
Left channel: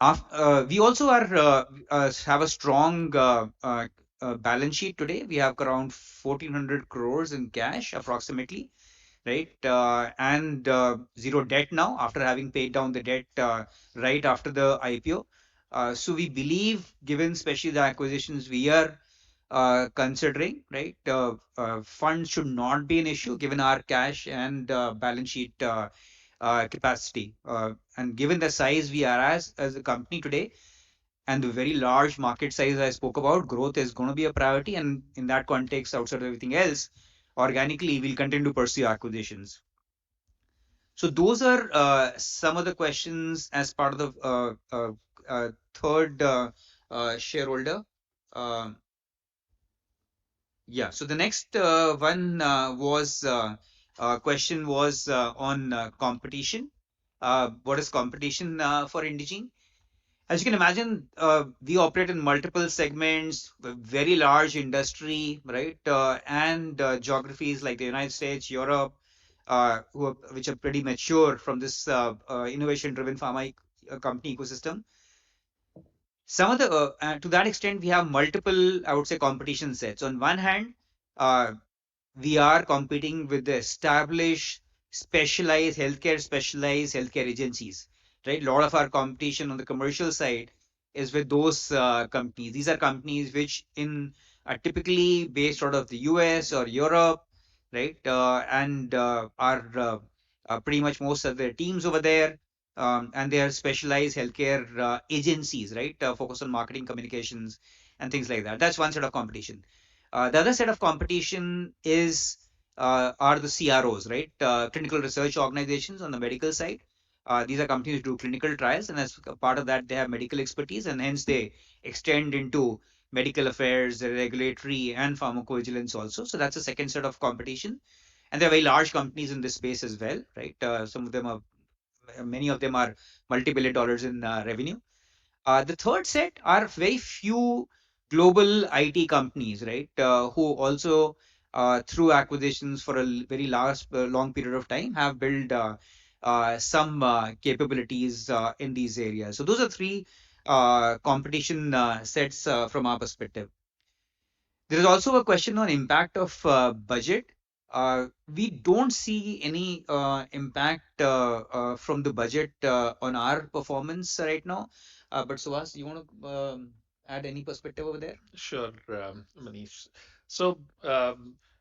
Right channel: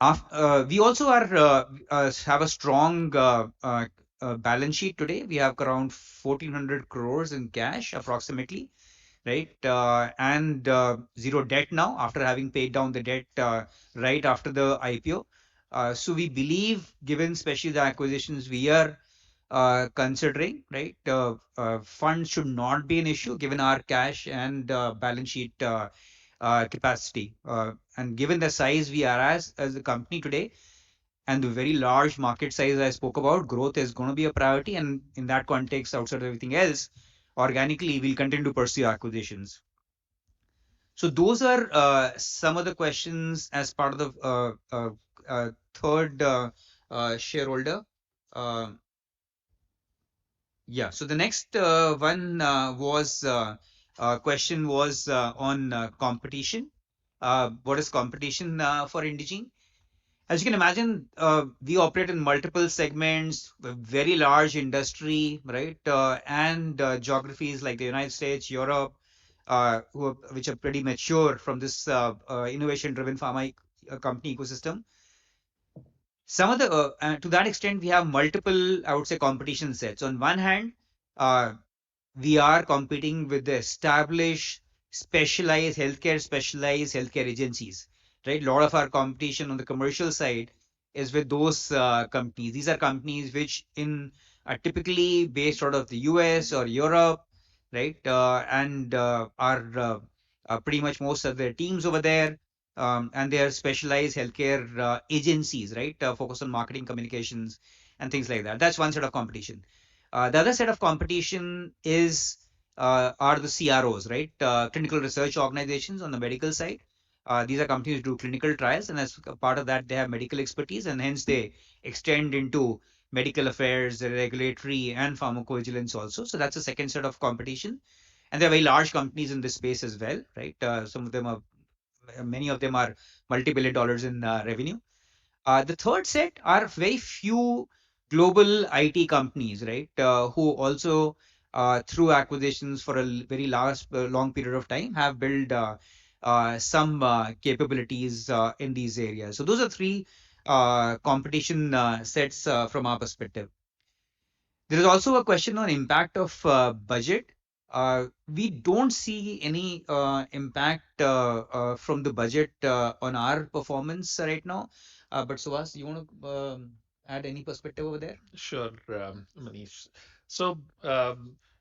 We also have a strong balance sheet today. We have around 1,400 crores in cash approximately, right? And zero debt now after having paid down the debt right after the IPO. So we believe, given especially the acquisitions we are considering, right, funds should not be an issue given our cash and balance sheet capacity. And given the size we are as a company today and the very large market size I spoke about, growth is going to be a priority. And in that context, outside of everything else, organically, we'll continue to pursue acquisitions. So those are some of the questions as part of the third shareholder. Um yeah, so the next one was question was on competition. What is competition for Indegene? As you can imagine, we operate in multiple segments, a very large industry, right? And geographies like the United States, Europe, which are pretty mature from this innovation-driven pharma company ecosystem. Some of the, to that extent, we have multiple, I would say, competition sets. On one hand, uh, we are competing with the established specialized healthcare agencies, right? A lot of our competition on the commercial side is with those companies. These are companies which in are typically based out of the US or Europe, right? And are pretty much most of their teams over there. And they are specialized healthcare agencies, right? Focus on marketing, communications, and things like that. That's one set of competition. The other set of competition is are the CROs, right? Clinical research organizations on the medical side. These are companies who do clinical trials, and as a part of that, they have medical expertise, and hence they extend into medical affairs, regulatory, and pharmacovigilance also. So that's a second set of competition, and there are very large companies in this space as well, right? Some of them are, many of them are multi-billion dollars in revenue. The third set are very few global IT companies, right, who also, through acquisitions for a very long period of time, have built some capabilities in these areas. So those are three competition sets from our perspective. There is also a question on impact of budget. We don't see any impact from the budget on our performance right now. But Suhas, you want to add any perspective over there? Sure, Manish. So,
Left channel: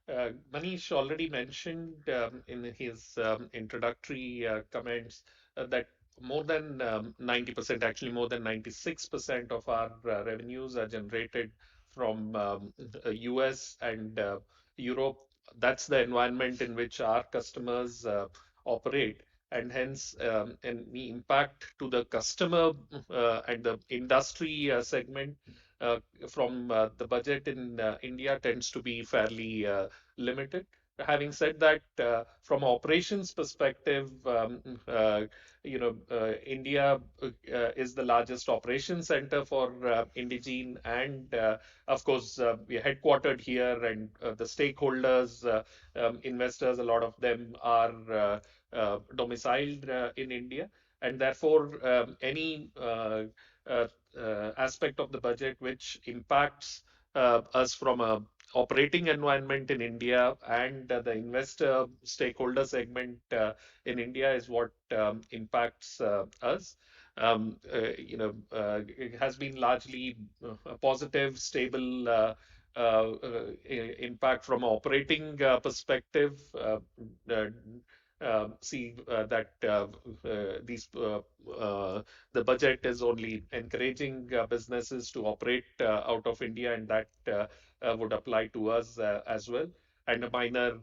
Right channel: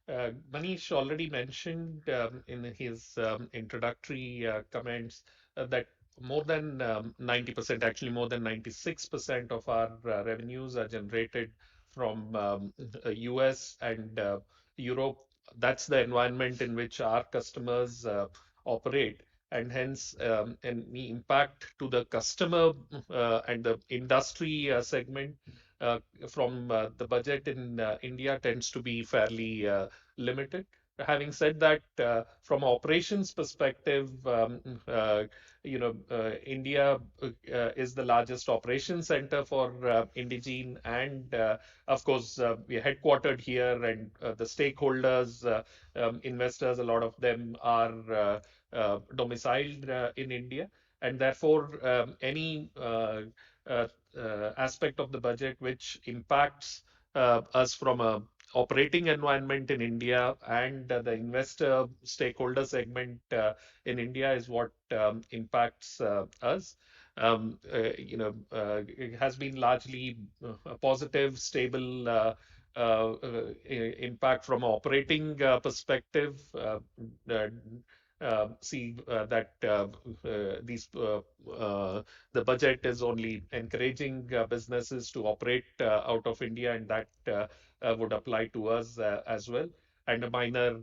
Manish already mentioned in his introductory comments that more than 90%, actually more than 96% of our revenues are generated from US and Europe. That's the environment in which our customers operate. And hence, any impact to the customer and the industry segment from the budget in India tends to be fairly limited. Having said that, from operations perspective, India is the largest operation center for Indegene, and of course, we are headquartered here, and the stakeholders, investors, a lot of them are domiciled in India, and therefore, any uh, aspect of the budget which impacts us from a operating environment in India and the investor stakeholder segment in India is what impacts us. It has been largely a positive, stable impact from an operating perspective. See that these the budget is only encouraging businesses to operate out of India, and that would apply to us as well. And a minor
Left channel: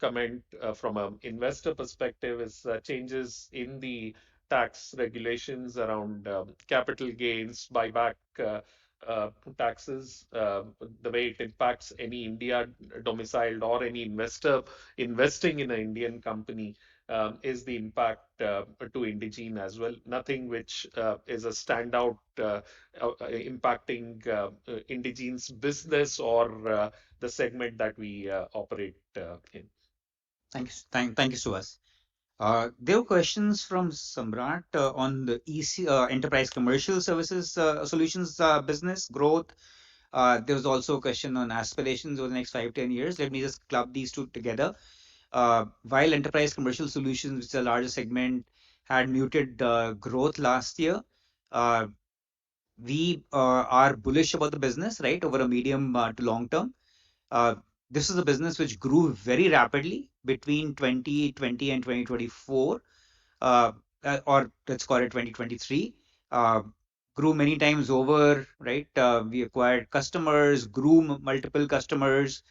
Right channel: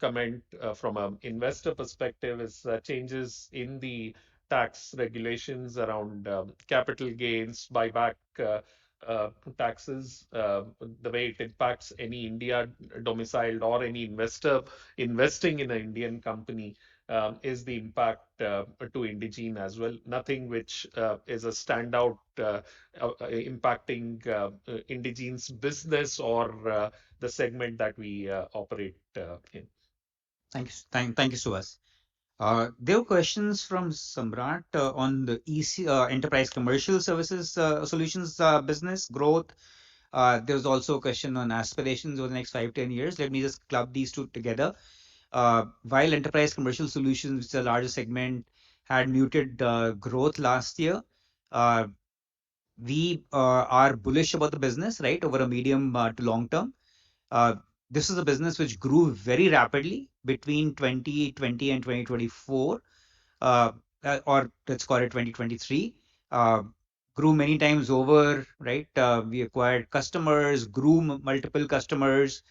comment from an investor perspective is changes in the tax regulations around capital gains, buyback taxes, the way it impacts any India domiciled or any investor investing in an Indian company is the impact to Indegene as well. Nothing which is a standout impacting Indegene's business or the segment that we operate in. Thank you, Suhas. There were questions from Samrat on the enterprise commercial services solutions business growth. There was also a question on aspirations over the next 5-10 years. Let me just club these two together. While enterprise commercial solutions, which is a larger segment, had muted growth last year, uh, we are bullish about the business, right, over a medium to long term. Uh, this is a business which grew very rapidly between 2020 and 2024, uh, or let's call it 2023. Uh, Grew many times over, right? We acquired customers, grew multiple customers,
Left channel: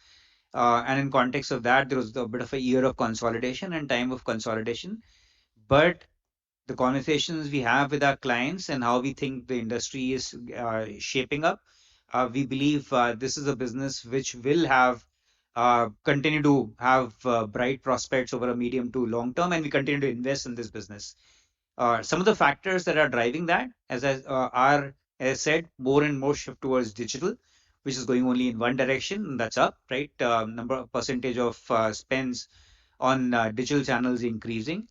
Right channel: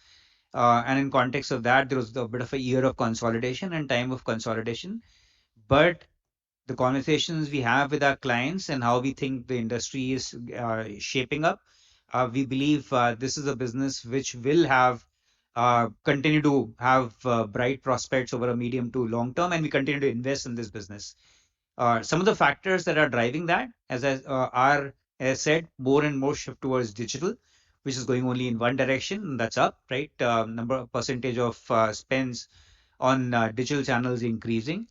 and in context of that, there was a bit of a year of consolidation and time of consolidation. But the conversations we have with our clients and how we think the industry is shaping up, we believe this is a business which will have continue to have bright prospects over a medium to long term, and we continue to invest in this business. Some of the factors that are driving that, are, as I said, more and more shift towards digital, which is going only in one direction, and that's up, right? Number percentage of spends on digital channels increasing.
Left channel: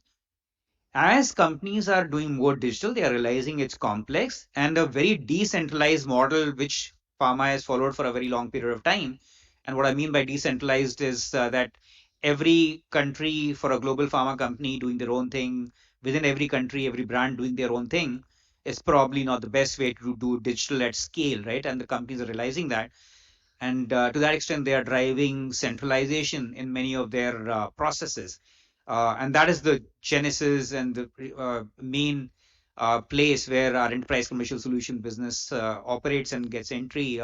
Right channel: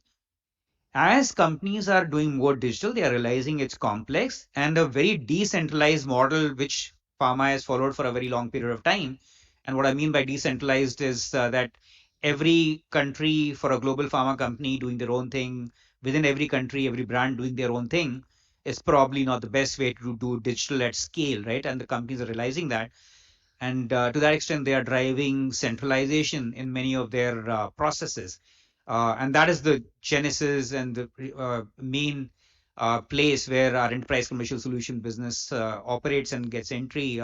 As companies are doing more digital, they are realizing it's complex and a very decentralized model, which pharma has followed for a very long period of time. And what I mean by decentralized is that every country, for a global pharma company doing their own thing, within every country, every brand doing their own thing, is probably not the best way to do digital at scale, right? And the companies are realizing that. And to that extent, they are driving centralization in many of their processes. And that is the genesis and the main place where our enterprise commercial solution business operates and gets entry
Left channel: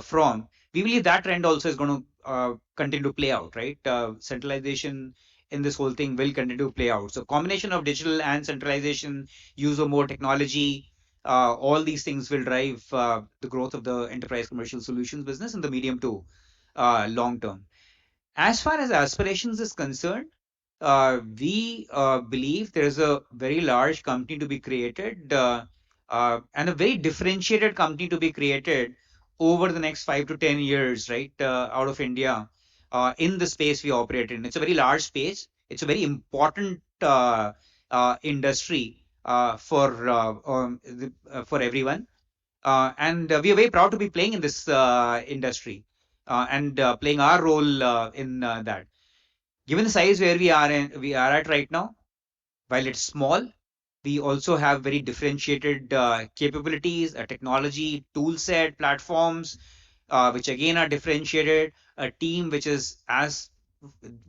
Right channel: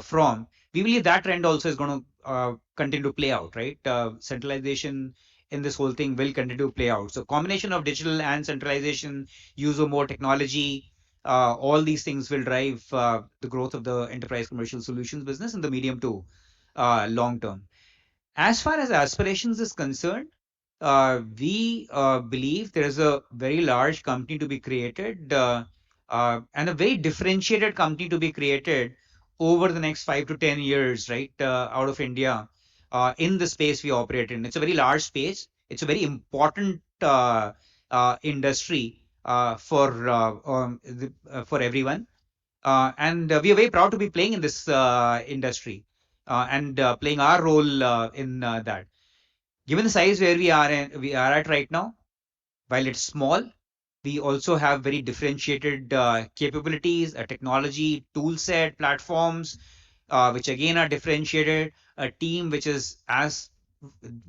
from. We believe that trend also is going to continue to play out, right? Centralization in this whole thing will continue to play out. So combination of digital and centralization, use of more technology, all these things will drive the growth of the enterprise commercial solutions business in the medium to long term. As far as aspirations is concerned, we believe there is a very large company to be created, and a very differentiated company to be created over the next 5 to 10 years, right, out of India, in the space we operate in. It's a very large space. It's a very important industry for everyone. And we are very proud to be playing in this industry and playing our role in that. Given the size where we are at right now, while it's small, we also have very differentiated capabilities, a technology tool set, platforms, which again are differentiated, a team which is as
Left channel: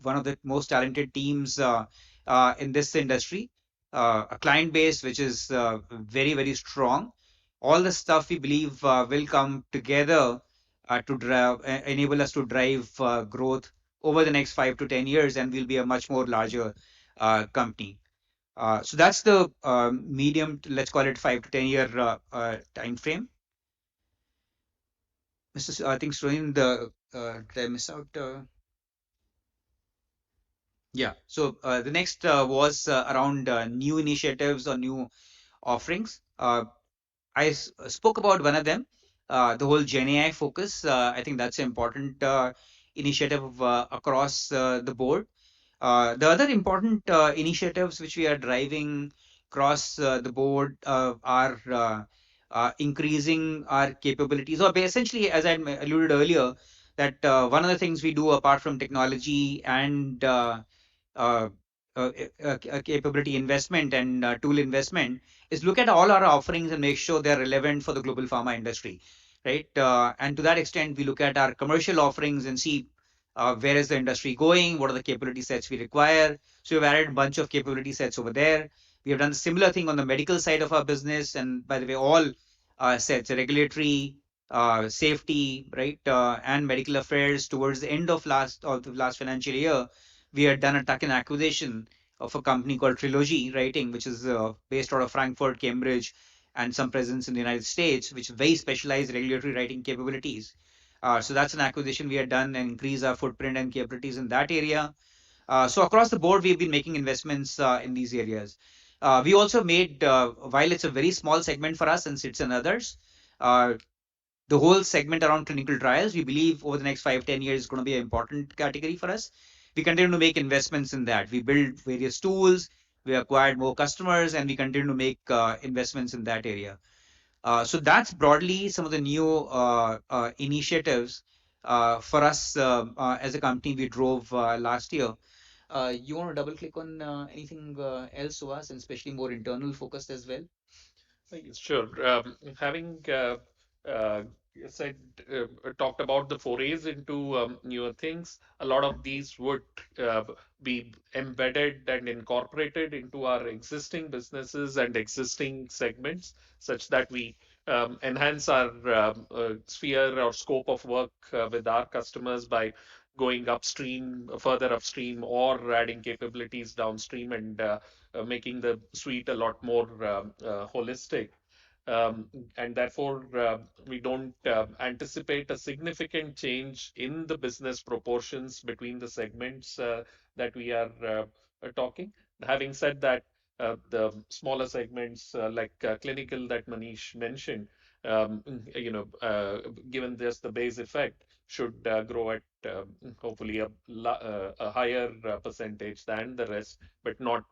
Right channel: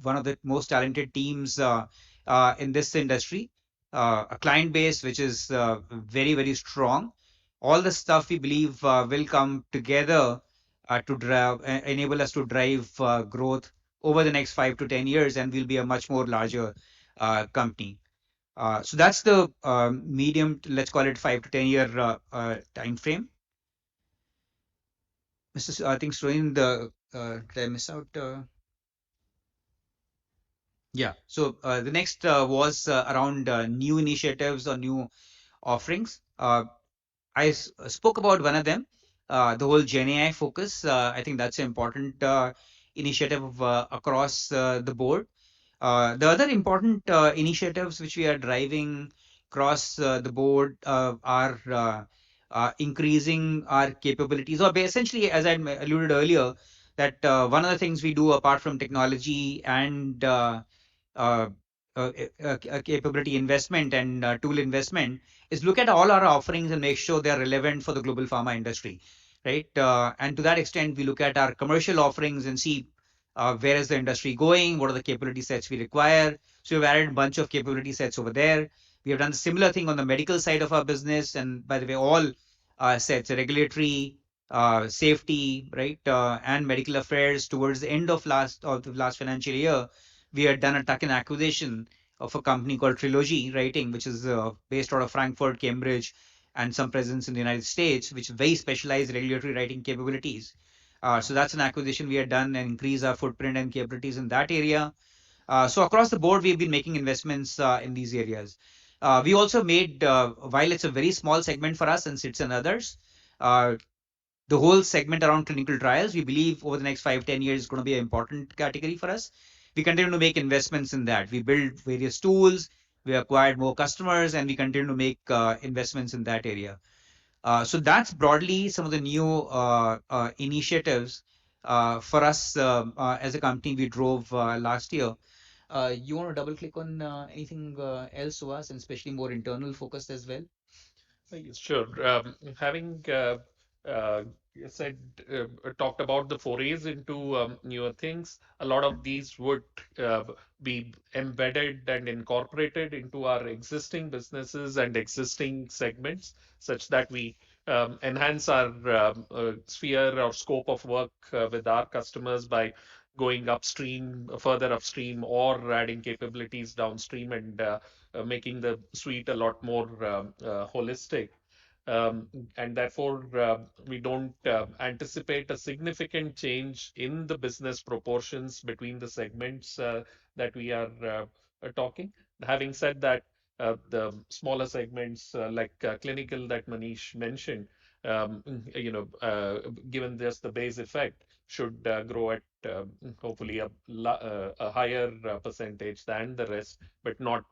one of the most talented teams in this industry, a client base which is very, very strong. All the stuff we believe will come together to enable us to drive growth over the next 5 to 10 years, and we'll be a much more larger company. So that's the medium, let's call it 5 to 10 year time frame. I think Srohin, did I miss out? Yeah. So the next was around new initiatives or new offerings. I spoke about one of them, the whole Gen AI focus. I think that's an important initiative across the board. The other important initiatives which we are driving across the board are increasing our capabilities, or essentially, as I alluded earlier, that one of the things we do apart from technology and uh, capability investment and tool investment is look at all our offerings and make sure they're relevant for the global pharma industry, right? And to that extent, we look at our commercial offerings and see where is the industry going, what are the capability sets we require. So we've added a bunch of capability sets over there. We have done a similar thing on the medical side of our business, and by the way, all sets, regulatory, safety, right, and medical affairs. Towards the end of the last financial year, we had done a tuck-in acquisition of a company called Trilogy Writing, which is based out of Frankfurt, Cambridge, and some presence in the United States, which very specialized regulatory writing capabilities. So that's an acquisition we had done and increase our footprint and capabilities in that area. So across the board, we've been making investments in these areas. We also made, while it's a very small segment for us and sits in others, the whole segment around clinical trials, we believe over the next 5-10 years is going to be an important category for us. we continue to make investments in that. We build various tools, we acquired more customers, and we continue to make investments in that area. So that's broadly some of the new initiatives for us as a company we drove last year. You want to double click on anything else, Suhas, and especially more internal focused as well? Sure. Having uh, said talked about the forays into newer things, a lot of these would uh, be embedded and incorporated into our existing businesses and existing segments, such that we enhance our sphere or scope of work with our customers by going upstream, further upstream, or adding capabilities downstream, and making the suite a lot more holistic. Um, and therefore, we don't anticipate a significant change in the business proportions between the segments that we are talking. Having said that, the smaller segments like clinical that Manish mentioned, um, you know, given just the base effect, should grow at hopefully a higher percentage than the rest, but not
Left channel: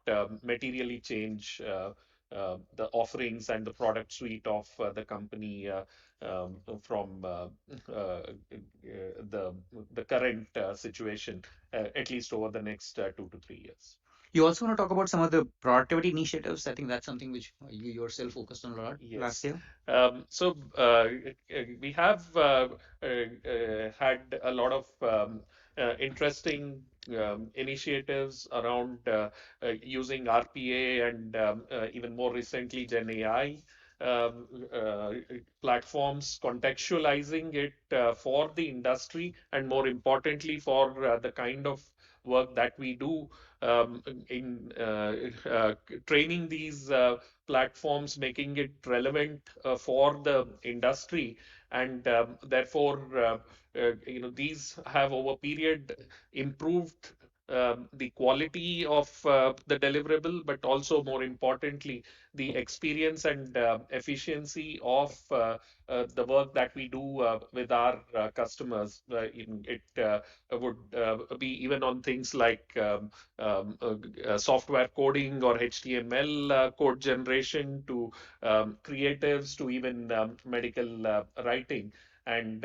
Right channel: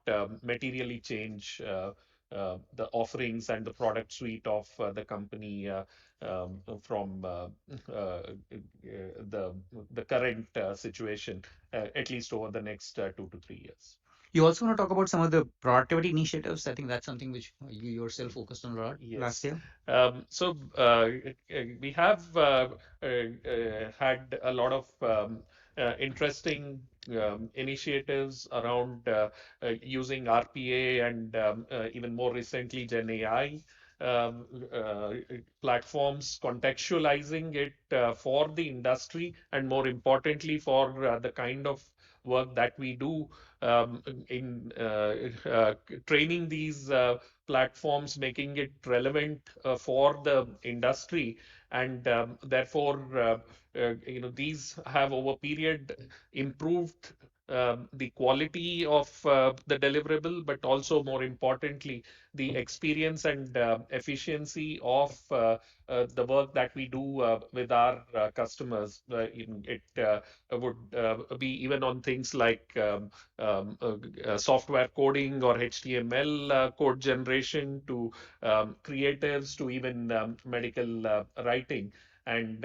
materially change the offerings and the product suite of the company from the current situation, at least over the next 2 to 3 years. You also want to talk about some of the productivity initiatives. I think that's something which you yourself focused on a lot last Yes. year. So we have had a lot of interesting initiatives around using RPA and even more recently Gen AI um, uh, platforms, contextualizing it for the industry and more importantly for the kind of work that we do in training these platforms, making it relevant for the industry, and therefore, these have over period improved the quality of the deliverable, but also more importantly, the experience and efficiency of the work that we do with our customers. It would be even on things like software coding or HTML code generation to creatives to even medical writing. And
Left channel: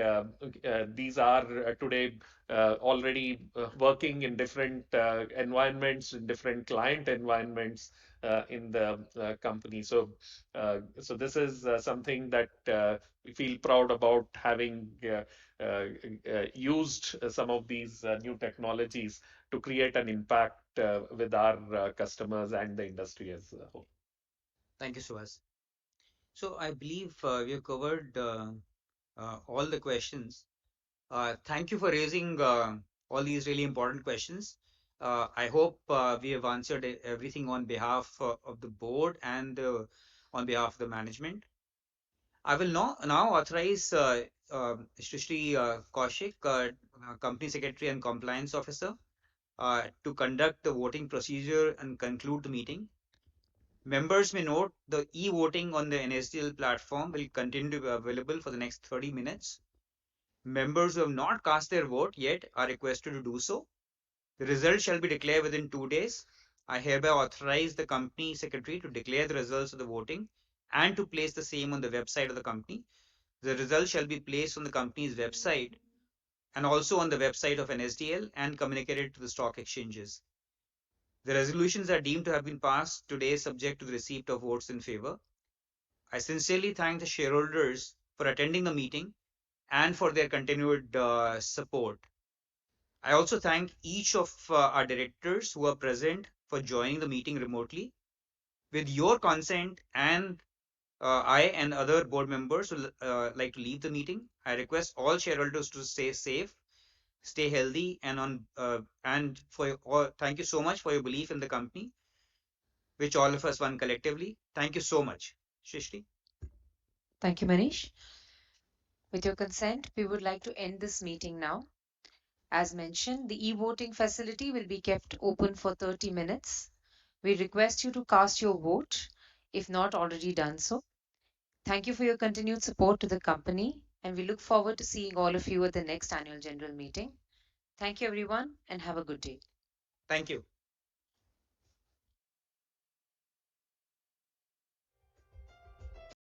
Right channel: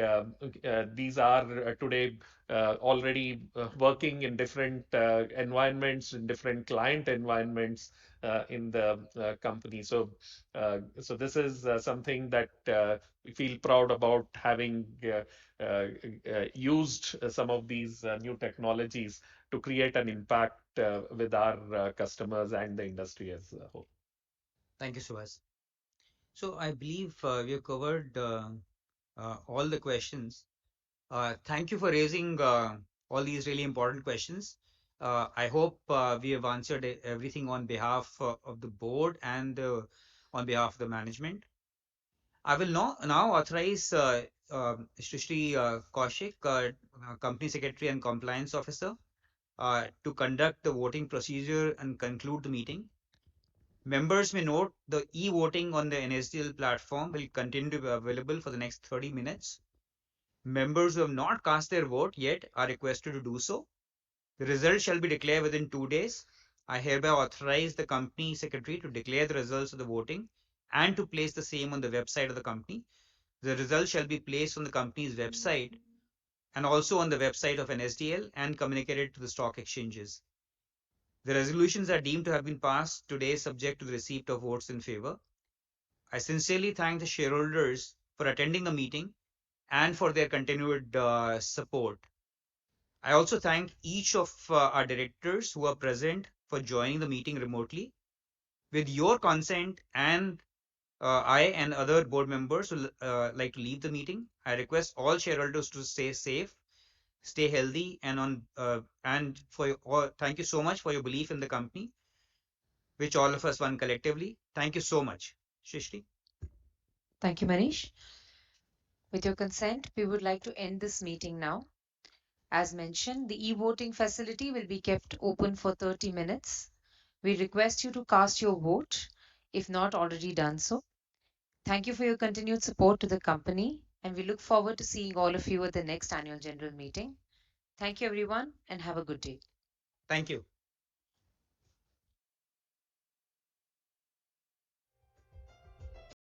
these are today already working in different environments, in different client environments in the company. So this is something that we feel proud about having used some of these new technologies to create an impact with our customers and the industry as a whole. Thank you, Suhas. So I believe we have covered all the questions. Thank you for raising all these really important questions. I hope we have answered everything on behalf of the board and on behalf of the management. I will now authorize Srishti Kaushik, Company Secretary and Compliance Officer, to conduct the voting procedure and conclude the meeting. Members may note the e-voting on the NSDL platform will continue to be available for the next 30 minutes. Members who have not cast their vote yet are requested to do so. The results shall be declared within 2 days. I hereby authorize the company secretary to declare the results of the voting and to place the same on the website of the company. The results shall be placed on the company's website and also on the website of NSDL and communicated to the stock exchanges. The resolutions are deemed to have been passed today subject to the receipt of votes in favor. I sincerely thank the shareholders for attending the meeting and for their continued support. I also thank each of our directors who are present for joining the meeting remotely. With your consent and I and other board members who like to leave the meeting, I request all shareholders to stay safe, stay healthy, and for all, thank you so much for your belief in the company, which all of us won collectively. Thank you so much, Shrishti. Thank you, Manish. With your consent, we would like to end this meeting now. As mentioned, the e-voting facility will be kept open for 30 minutes. We request you to cast your vote if not already done so. Thank you for your continued support to the company, and we look forward to seeing all of you at the next annual general meeting. Thank you, everyone, and have a good day. Thank you.